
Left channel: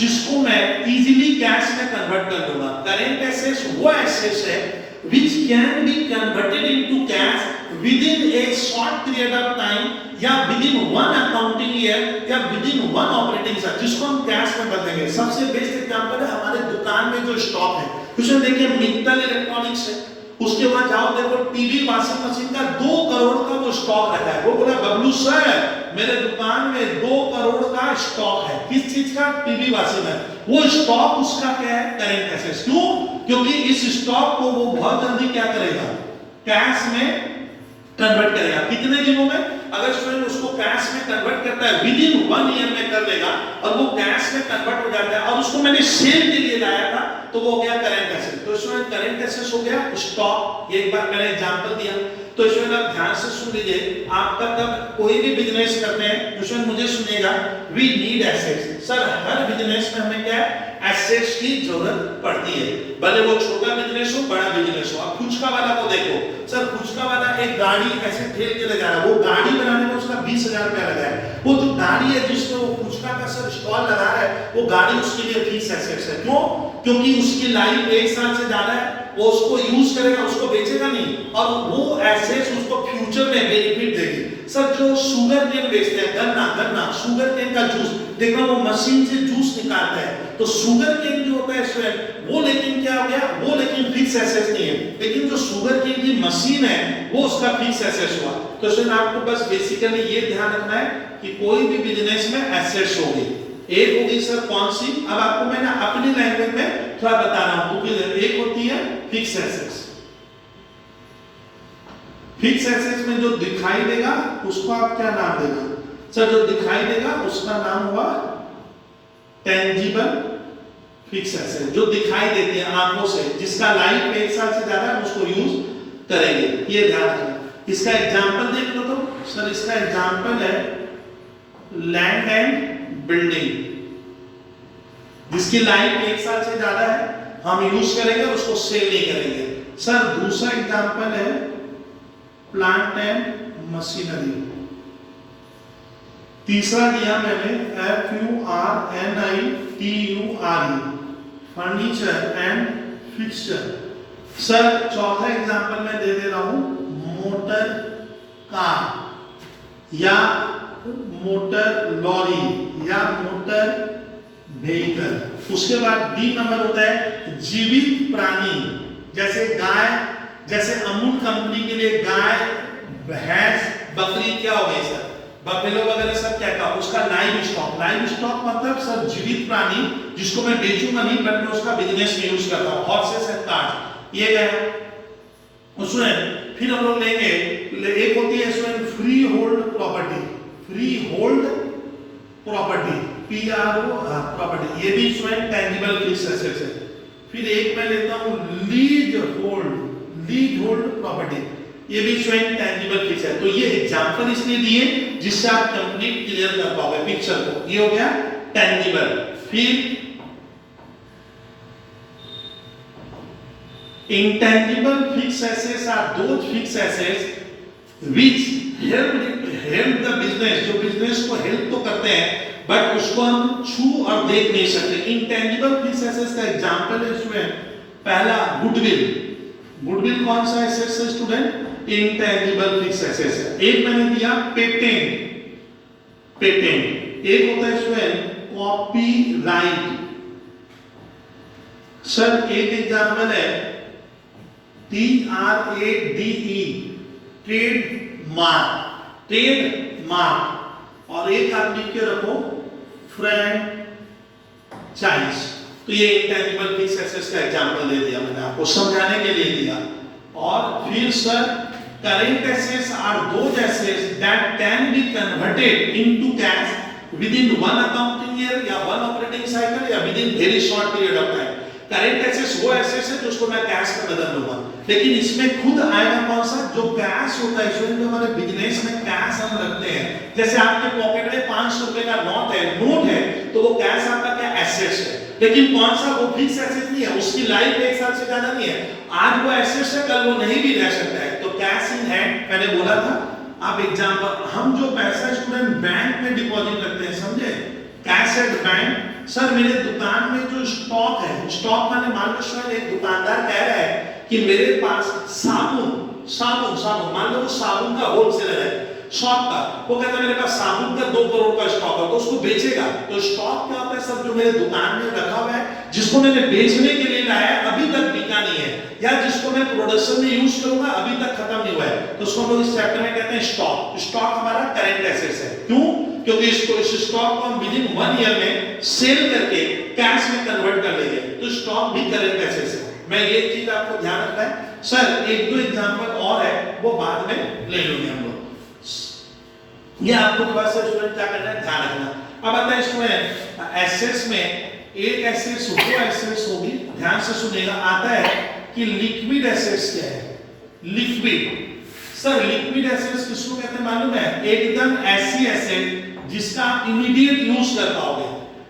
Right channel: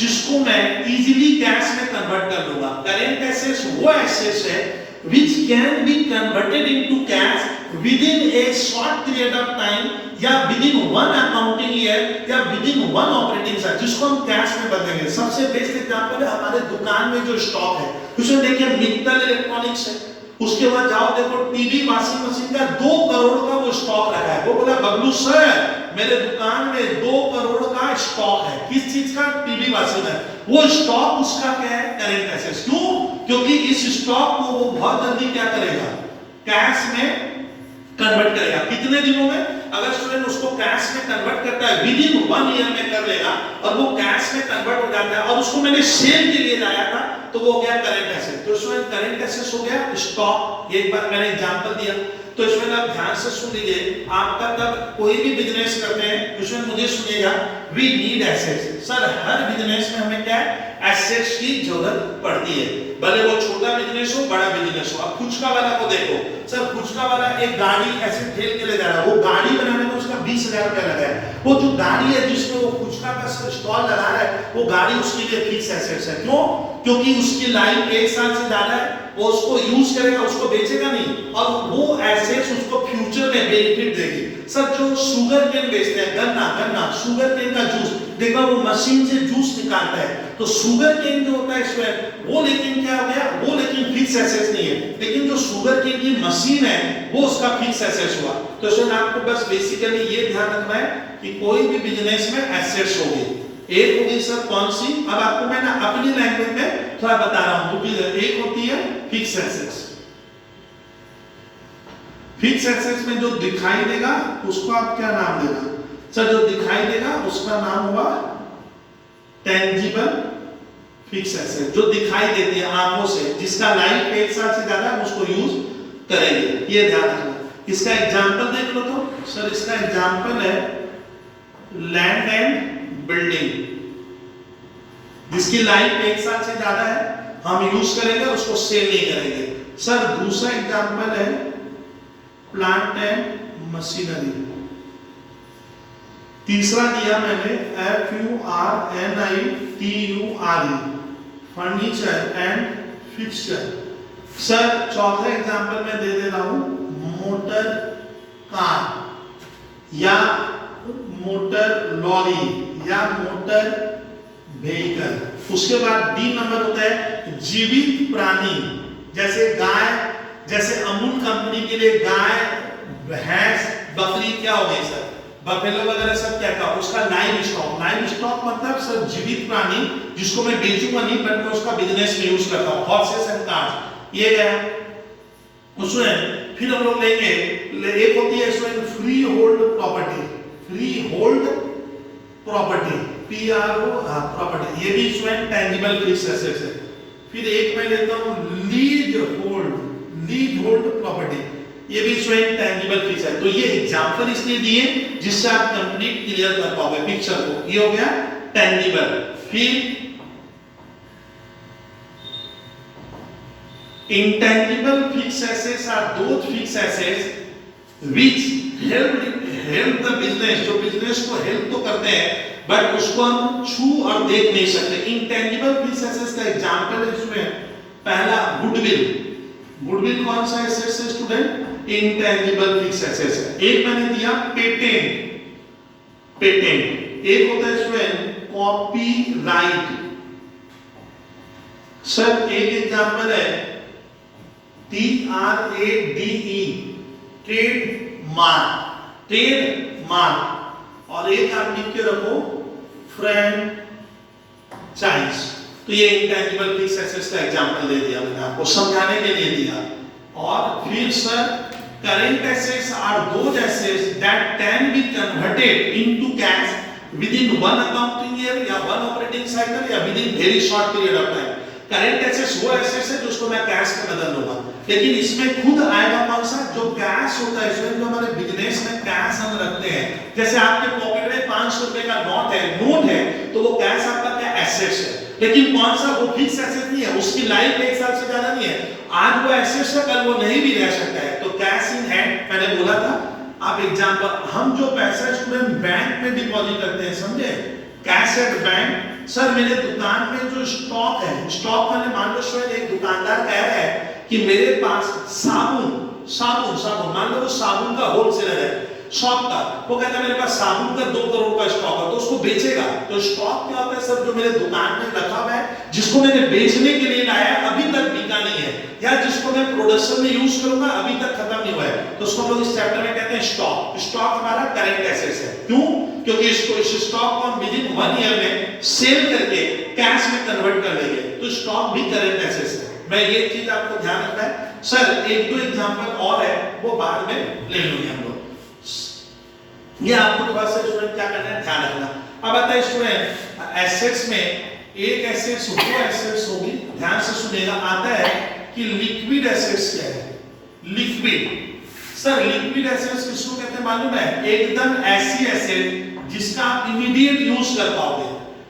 जिसको मैं इजीली कैश में कन्वर्ट कर लूंगा। करंट एसेट्स वो एसेट्स है which can be converted into cash within a short period of time या within one accounting year या within one operating year, जिसको हम कैश में बदलेंगे। सबसे बेस्ट एग्जांपल है हमारे दुकान में जो स्टॉक है, उसमें देखिए मित्तल इलेक्ट्रॉनिक्स है, उसके बाद जाओ देखो टीवी वॉशिंग मशीन का 2 करोड़ का वो स्टॉक रखा है। वो बोला बबलू सर मेरे दुकान में 2 करोड़ का स्टॉक है, किस चीज का? टीवी वॉशिंग है। वो स्टॉक उसका क्या है? Current assets. क्यों? क्योंकि इस स्टॉक को वो बहुत जल्दी क्या करेगा? कैश में कन्वर्ट करेगा। कितने दिनों में? अगर स्टूडेंट उसको कैश में कन्वर्ट करता है विद इन 1 ईयर में कर लेगा और वो कैश में कन्वर्ट हो जाता है और उसको मैंने सेल के लिए लाया था तो वो हो गया करंट एसेट। तो स्टूडेंट करंट एसेट्स हो गया स्टॉक। एक बार मैंने एग्जांपल दिया, तो इसमें आप ध्यान से सुन लीजिए। आपका तब कोई भी बिजनेस करते हैं तो इसमें मुझे सुनिएगा, वी नीड एसेट्स। सर हर बिजनेस में हमें क्या है? एसेट्स की जरूरत पड़ती है, भले वो छोटा बिजनेस हो बड़ा बिजनेस हो। आप फुचका वाला को देखो, सर फुचका वाला एक गाड़ी ऐसे ठेल के ले जा रहा है, वो गाड़ी बनाने में उसका 20,000 रुपया लगा है। वो जो गाड़ी है जिसमें वो फुचका का सर स्टॉल लगा रहा है, वो गाड़ी उसके लिए फिक्स एसेट्स है। क्यों? क्योंकि उसकी लाइफ 1 साल से ज्यादा है, वो उसको यूज करेगा, उसको बेचेगा नहीं, और वो एसेट्स उसको फ्यूचर में बेनिफिट देगी। सर जो शुगर केन बेचते हैं, गन्ना शुगर केन का जूस, देखो वो मशीन से जूस निकालता है, तो शुगर केन जो होता है स्टूडेंट वो लेकिन क्या हो गया? वो लेकिन फिक्स एसेट्स नहीं है, लेकिन जो शुगर केन की मशीन है वो उसका फिक्स एसेट्स हुआ। तो स्टूडेंट आपको बस बेसिकली ये ध्यान रखना है कि कोई भी बिजनेस में एसेट्स होगी। एक होगी सर कौन सी? अब आपको मैं ना अपनी लैंग्वेज में थोड़ा बता रहा हूं। एक होती है फिक्स एसेट्स। फिक्स एसेट्स में जो दिखाई देगा उसको आप क्या नाम देगा? सर जो दिखाई देगा उसका नाम हुआ टेंजिबल फिक्स एसेट। जो दिखाई देती है आंखों से, जिसका लाइफ 1 साल से ज्यादा है, उसको यूज करेंगे, ये ध्यान रखना। इसका एग्जांपल देख लो तो सर इसका एग्जांपल है लैंड एंड बिल्डिंग, जिसकी लाइफ 1 साल से ज्यादा है, हम यूज करेंगे, उसको सेल नहीं करेंगे। सर दूसरा एग्जांपल है प्लांट एंड मशीनरी। तीसरा दिया मैंने FURNITURE furniture and fixture. Sir चौथा एग्जांपल मैं दे रहा हूं मोटर कार या मोटर लॉरी या मोटर व्हीकल। उसके बाद 3 नंबर होता है जीवित प्राणी, जैसे गाय, जैसे अमूल कंपनी के लिए गाय, भैंस, बकरी क्या हो गई सर? बफेलो वगैरह सब क्या था? उसका लाइव स्टॉक। लाइव स्टॉक मतलब सर जीवित प्राणी जिसको मैं बेचूंगा नहीं बट मैं उसका बिजनेस में यूज करता हूं। हॉर्सेस एंड कार्स ये गया। उसमें फिर हम लोग लेंगे, एक होती है इसमें free hold property. Free hold property PRO property, ये भी इसमें टेंजिबल फिक्स एसेट्स है। फिर एक मैं लेता हूं लीज होल्ड प्रॉपर्टी, ये भी स्वयं टेंजिबल फिक्स है। तो ये एग्जांपल इसलिए दिए जिससे आप कंप्लीट क्लियर कर पाओगे पिक्चर को। ये हो गया टेंजिबल। फिर intangible fixed assets are those fixed assets which help the business, जो बिजनेस को हेल्प तो करते हैं बट उसको हम छू और देख नहीं सकते। इंटेंजिबल फिक्स्ड एसेट्स का एग्जांपल है इसमें पहला गुडविल कौन सा एसेट है स्टूडेंट? इंटेंजिबल फिक्स्ड एसेट्स है। एक मैंने दिया पेटेंट, एक होता है इसमें कॉपीराइट। सर एक एग्जांपल है TRADE ट्रेडमार्क, और एक आप लिख के रखो फ्रैंचाइज। तो ये इंटेंजिबल फिक्स्ड एसेट्स का एग्जांपल दे दिया मैंने आपको समझाने के लिए दिया। और फिर sir current assets are those assets that can be converted into cash with in one accounting year या वन ऑपरेटिंग साइकिल या within very short period of time. Current assets वो एसेट्स है जिसको मैं कैश में बदल लूंगा, लेकिन इसमें खुद आएगा कौन सा? जो कैश होता है इसमें, जो हमारे बिजनेस में कैश हम रखते हैं। जैसे आपके पॉकेट में 500 रुपए का नोट है तो वो कैश आपका क्या एसेट्स है, लेकिन कौन सा? वो फिक्स एसेट नहीं है, उसकी लाइफ 1 साल से ज्यादा नहीं है। आज वो एसेट्स है, कल वो नहीं भी रह सकता है। तो कैश इन हैंड मैंने बोला था। आप एग्जांपल, हम जो पैसा स्टूडेंट बैंक में डिपॉजिट रखते हैं, समझे? Cash at bank. सर मेरे दुकान में जो स्टॉक है, स्टॉक मैंने मान लो शायद एक दुकानदार कह रहा है कि मेरे पास साबुन मान लो साबुन का होलसेलर है शॉप का, वो कहता है मेरे पास साबुन का 2 करोड़ का स्टॉक है, तो उसको बेचेगा। तो स्टॉक क्या होता है सर? जो मेरे दुकान में रखा हुआ है, जिसको मैंने बेचने के लिए लाया अभी तक बिका नहीं है, या जिसको मैं प्रोडक्शन में यूज करूंगा अभी तक खत्म नहीं हुआ है, तो उसको लोग इस चैप्टर में कहते हैं स्टॉक हमारा करंट एसेट्स है। क्यों? क्योंकि इस स्टॉक को हम विद इन 1 ईयर में सेल करके कैश में कन्वर्ट कर लेंगे, तो स्टॉक भी करंट एसेट्स है। मैं ये चीज आपको ध्यान रखना है। सर 1-2 एग्जांपल और है, वो बाद में ले लूंगे हम लोग। ये आपको थोड़ा सा स्टूडेंट क्या करना है, ध्यान रखना। अब आता है स्टूडेंट एसेट्स में, एक एसेट्स वो एसेट्स होगी, ध्यान से सुनिएगा। आता है कि लिक्विड एसेट्स क्या है? लिक्विड। सर लिक्विड एसेट्स किसको कहते हैं मालूम है? एकदम ऐसी एसेट जिसका आप इमीडिएट यूज कर पाओगे।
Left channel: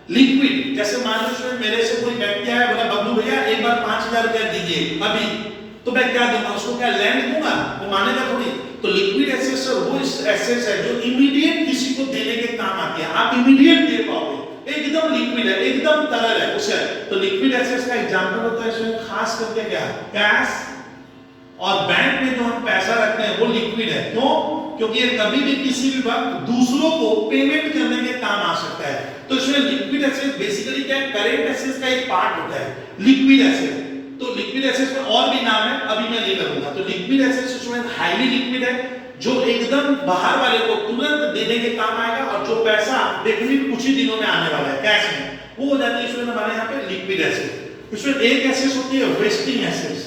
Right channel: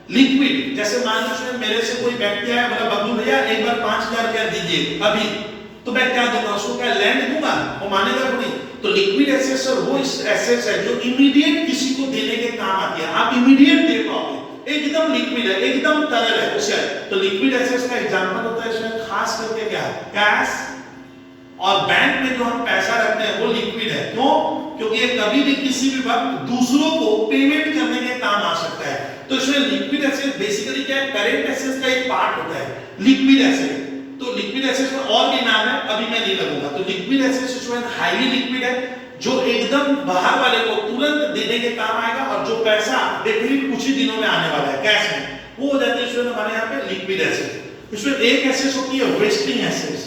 लिक्विड, जैसे मान लो मेरे से कोई व्यक्ति आया, बोला बबलू भैया एक बार 5000 रुपया दीजिए अभी, तो मैं क्या दूंगा उसको? क्या लैंड दूंगा? वो मानेगा थोड़ी। तो लिक्विड एसेट्स और वो एसेट्स है जो इमीडिएट किसी को देने के काम आती है, आप इमीडिएट दे पाओगे, एकदम लिक्विड है, एकदम तरल है उसे। तो लिक्विड एसेट्स का एग्जांपल होता है इसमें खास करके क्या? कैश और बैंक में जो हम पैसा रखते हैं वो लिक्विड है। क्यों? क्योंकि ये कभी भी किसी भी वक्त दूसरों को पेमेंट करने के काम आ सकता है। तो इसमें लिक्विड एसेट बेसिकली क्या है? करंट एसेट्स का एक पार्ट होता है लिक्विड एसेट। तो लिक्विड एसेट्स में और भी नाम है, अभी मैं नहीं करूंगा। तो लिक्विड एसेट्स इसमें हाईली लिक्विड है, जो एकदम बाहर वाले को तुरंत देने के काम आएगा, और जो पैसा डेफिनेटली कुछ ही दिनों में आने वाला है कैश में, वो हो जाती है इसमें हमारे यहाँ पे लिक्विड एसेट। इसमें एक एसेट्स होती है wasting assets.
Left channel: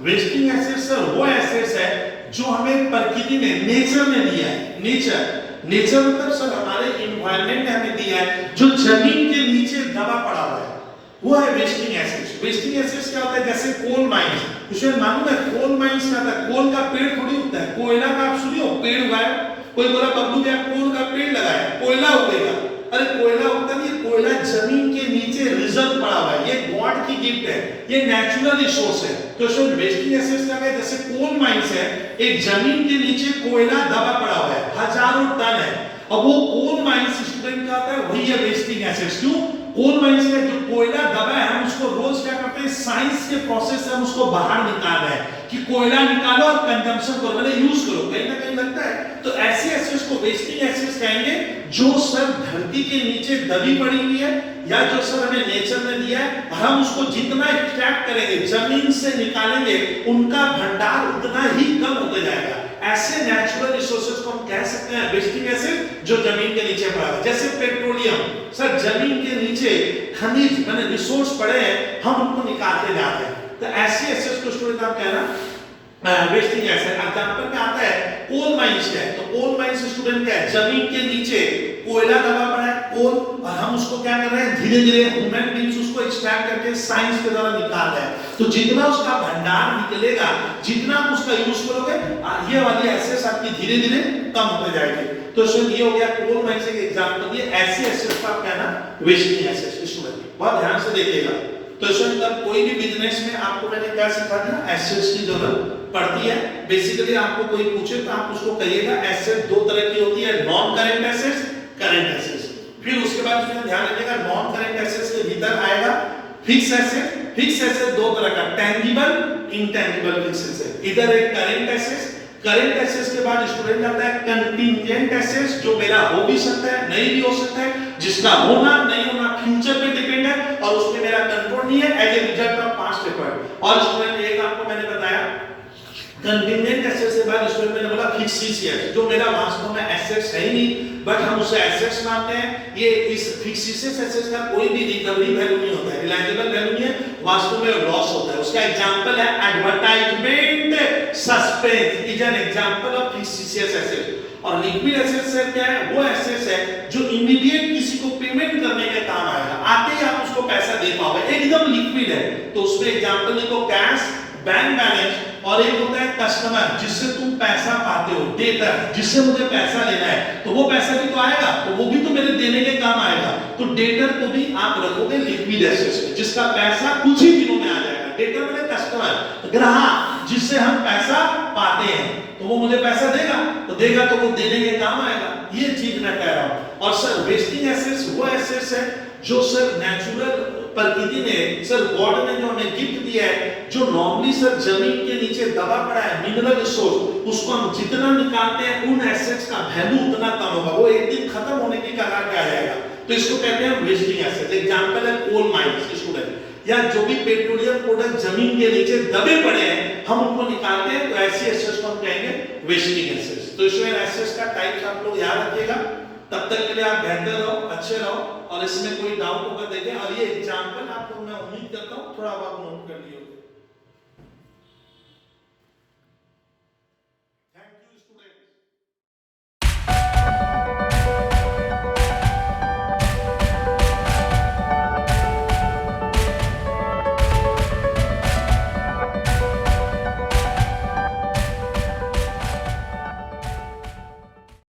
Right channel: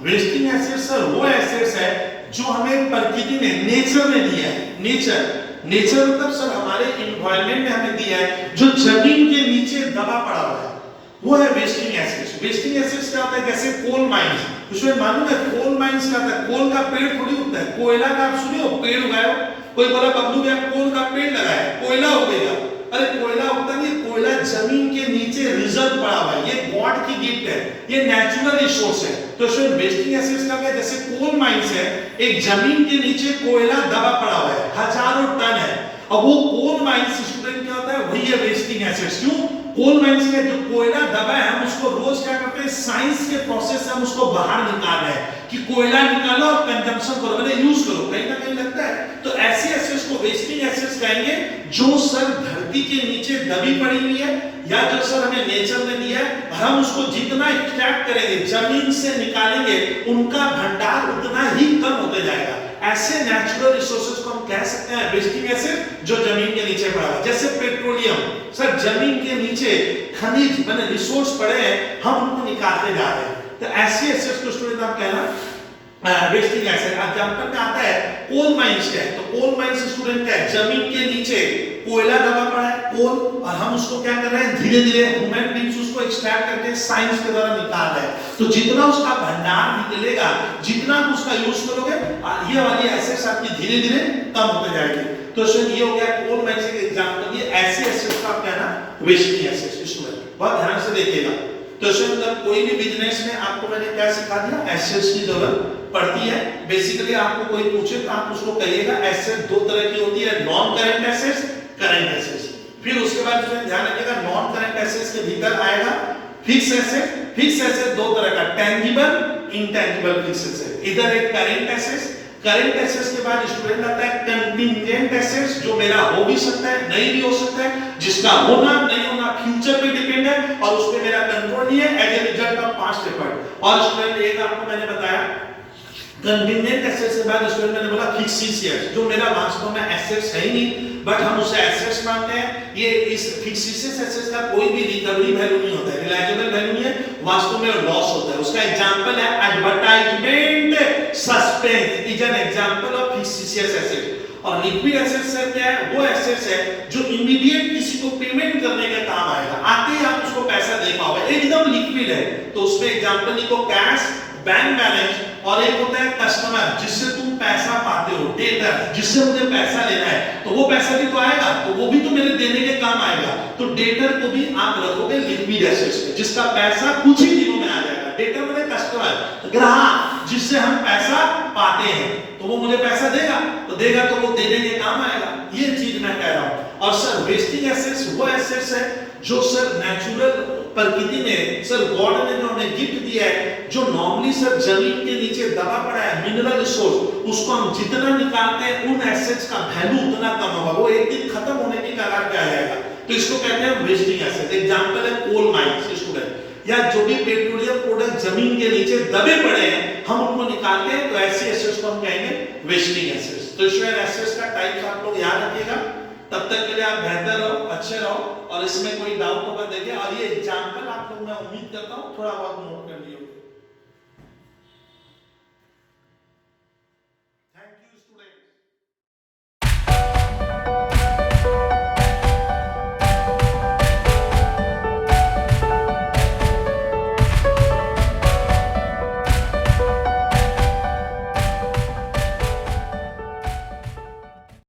Wasting assets sir वो एसेट्स है जो हमें प्रकृति में, नेचर ने दिया है। नेचर मतलब सर हमारे एनवायरनमेंट ने हमें दिया है, जो जमीन के नीचे दबा पड़ा हुआ है, वो है वेस्टिंग एसेट्स। वेस्टिंग एसेट्स क्या होता है? जैसे कोल माइंस, उसमें मालूम है कोल माइंस क्या होता है? कोल का पेड़ थोड़ी होता है, कोयला का आप सुनियो पेड़ उगाए, कोई बोला बबलू भैया कोल का पेड़ लगाए कोयला उगेगा, अरे कोयला उगता नहीं, कोयला जमीन के नीचे रिजर्व पड़ा हुआ है, ये गॉड की गिफ्ट है, ये नेचुरल रिसोर्स है। तो इसमें वेस्टिंग एसेट्स का है जैसे कोल माइंस है, एक जमीन के नीचे कोयला दबा पड़ा हुआ है, हजारों टन है, अब वो कोल माइंस स्टूडेंट का होता है, वही है वेस्टिंग एसेट्स। क्यों? कोल माइंस में जो कोयला दबा है, हम उसको रोज क्या करते हैं? साइंस के प्रोसेस से हम उसको बाहर निकाल रहे हैं कि कोयला निकालो और कंजम्पशन करो, मतलब यूज करो, कहीं ना कहीं लगता है। तो ऐसे एसेट्स को वेस्टिंग एसेट्स कहेंगे जो सर धरती के नीचे दबी पड़ी हुई है, या जो सर हमें नेचर ने दिया है, हम उसको जितना एक्सट्रैक्ट करेंगे, जमीन से निकालेंगे, उनका भंडार उतना ही कम होते जाएगा। ऐसे नेचुरल रिसोर्सेज को हम कह सकते हैं वेस्टिंग एसेट, जो जमीन के नीचे पड़ा है। जैसे पेट्रोलियम, सर जमीन के नीचे खनिज माने रिसोर्स पड़े हैं, हम उनको निकालते जा रहे हैं। तो ऐसे एसेट्स को स्टूडेंट आप कहना वेस्टिंग एसेट। एग्जांपल में आता है कोल माइंस क्या है? तो कोल माइंस स्टूडेंट क्या है? जमीन के नीचे कोयला दबा पड़ा है, कोल, और हम उसको क्या कर रहे हैं, धीरे धीरे ह्यूमन बींग्स उसको एक्सट्रैक्ट करके साइंस के द्वारा निकाल रहे हैं। तो जितना उसका भंडार निकलेगा, जितना आप उसका यूज करोगे, ये वाली एसेट्स आपकी धीरे धीरे कम होते जाएगी। तो इसमें ये हो गया कोल माइंस के एग्जांपल, ये ऐसी एसेट्स का कहना वेस्टिंग एसेट्स। इसमें बहुत ध्यान से देखिएगा। तो इसमें मतलब कोई भी बिजनेस में आपको मैंने क्या सिखा दिया, एसेट्स की जरूरत पड़ती है। बेसिकली आपको कोई पूछे तो आप उसको कहिएगा एसेट दो तरह की होती है, non current assets, current assets. फिर उसके बाद इसमें ध्यान रखिएगा नॉन करेंट एसेट्स के भीतर आएगा फिक्स एसेट। फिक्स एसेट दो तरह का, टेंजिबल, इंटेंजिबल फिक्स एसेट। इधर एक करेंट एसेट्स, करेंट एसेट्स के बाद स्टूडेंट आता है कंटिंजेंट एसेट्स, जो मेरा हो भी सकता है, नहीं भी हो सकता है, जिसका होना नहीं होना फ्यूचर पे डिपेंड है और उस पे मेरा कंट्रोल नहीं है, as a result of past effort. और स्टूडेंट एक आपको मैंने बताया कंटिंजेंट एसेट्स के बाद स्टूडेंट मैंने बोला फिक्स एसेट्स, जो मेरा वास्तव में एसेट्स है ही नहीं, बट हम उसे एसेट्स मानते हैं। ये इस फिक्स एसेट्स का कोई भी रिकवरी वैल्यू नहीं होता है, रिलायबल वैल्यू नहीं है, वास्तव में लॉस होता है। उसका एग्जांपल है advertisement suspense is an example of fix asset. और लिक्विड एसेट्स क्या है, वो एसेट्स है जो इमीडिएट किसी को पेमेंट करने के काम आएगा, आते ही आप उसको पैसा दे पाओगे, एकदम लिक्विड है। तो उसमें एग्जांपल लिखो कैश, बैंक बैलेंस, और एक होता है कस्टमर, जिससे तुम पैसा पाते हो, डेटर, जिससे मुझे पैसा लेना है, तो वो पैसा भी तो आएगा, तो वो भी तो मेरे देने के काम आएगा। तो डेटर को भी आप रखोगे लिक्विड एसेट्स में, जिसका पैसा कुछ ही दिनों में आ जाएगा। डेटर मतलब कस्टमर, ग्राहक, जिससे हम पैसा पाते हैं, तो वो मुझे पैसा देगा, तो वो देने के काम आएगा। ये चीज मैं कह रहा हूं। और सर वेस्टिंग एसेट्स वो एसेट्स है जो सर नेचुरल प्रकृति में, सर गॉड ने जो हमें गिफ्ट दिया है, जो नॉर्मली सर जमीन के नीचे दबा पड़ा है, मिनरल रिसोर्स, उसको हम जितना निकालते हैं उन एसेट्स का वैल्यू उतना कम होगा, वो एक दिन खत्म होने की कगार पे आ जाएगा। तो इसको कहते हैं वेस्टिंग एसेट। एग्जांपल है कोल माइंस स्टूडेंट, या जो भी पेट्रोलियम प्रोडक्ट जमीन के नीचे दबे पड़े हैं, हम उनको निकालते हैं, तो ऐसी एसेट्स को हम कहेंगे वेस्टिंग एसेट्स। तो इसमें एसेट्स का टाइप्स आप लोग याद रखिएगा। तब तक के लिए आप बेहतर रहो, अच्छे रहो, और इसमें कोई डाउट होगा देखिए। और ये एग्जांपल आप लोग मैं उम्मीद करता हूं थोड़ा बहुत नोट कर लियो।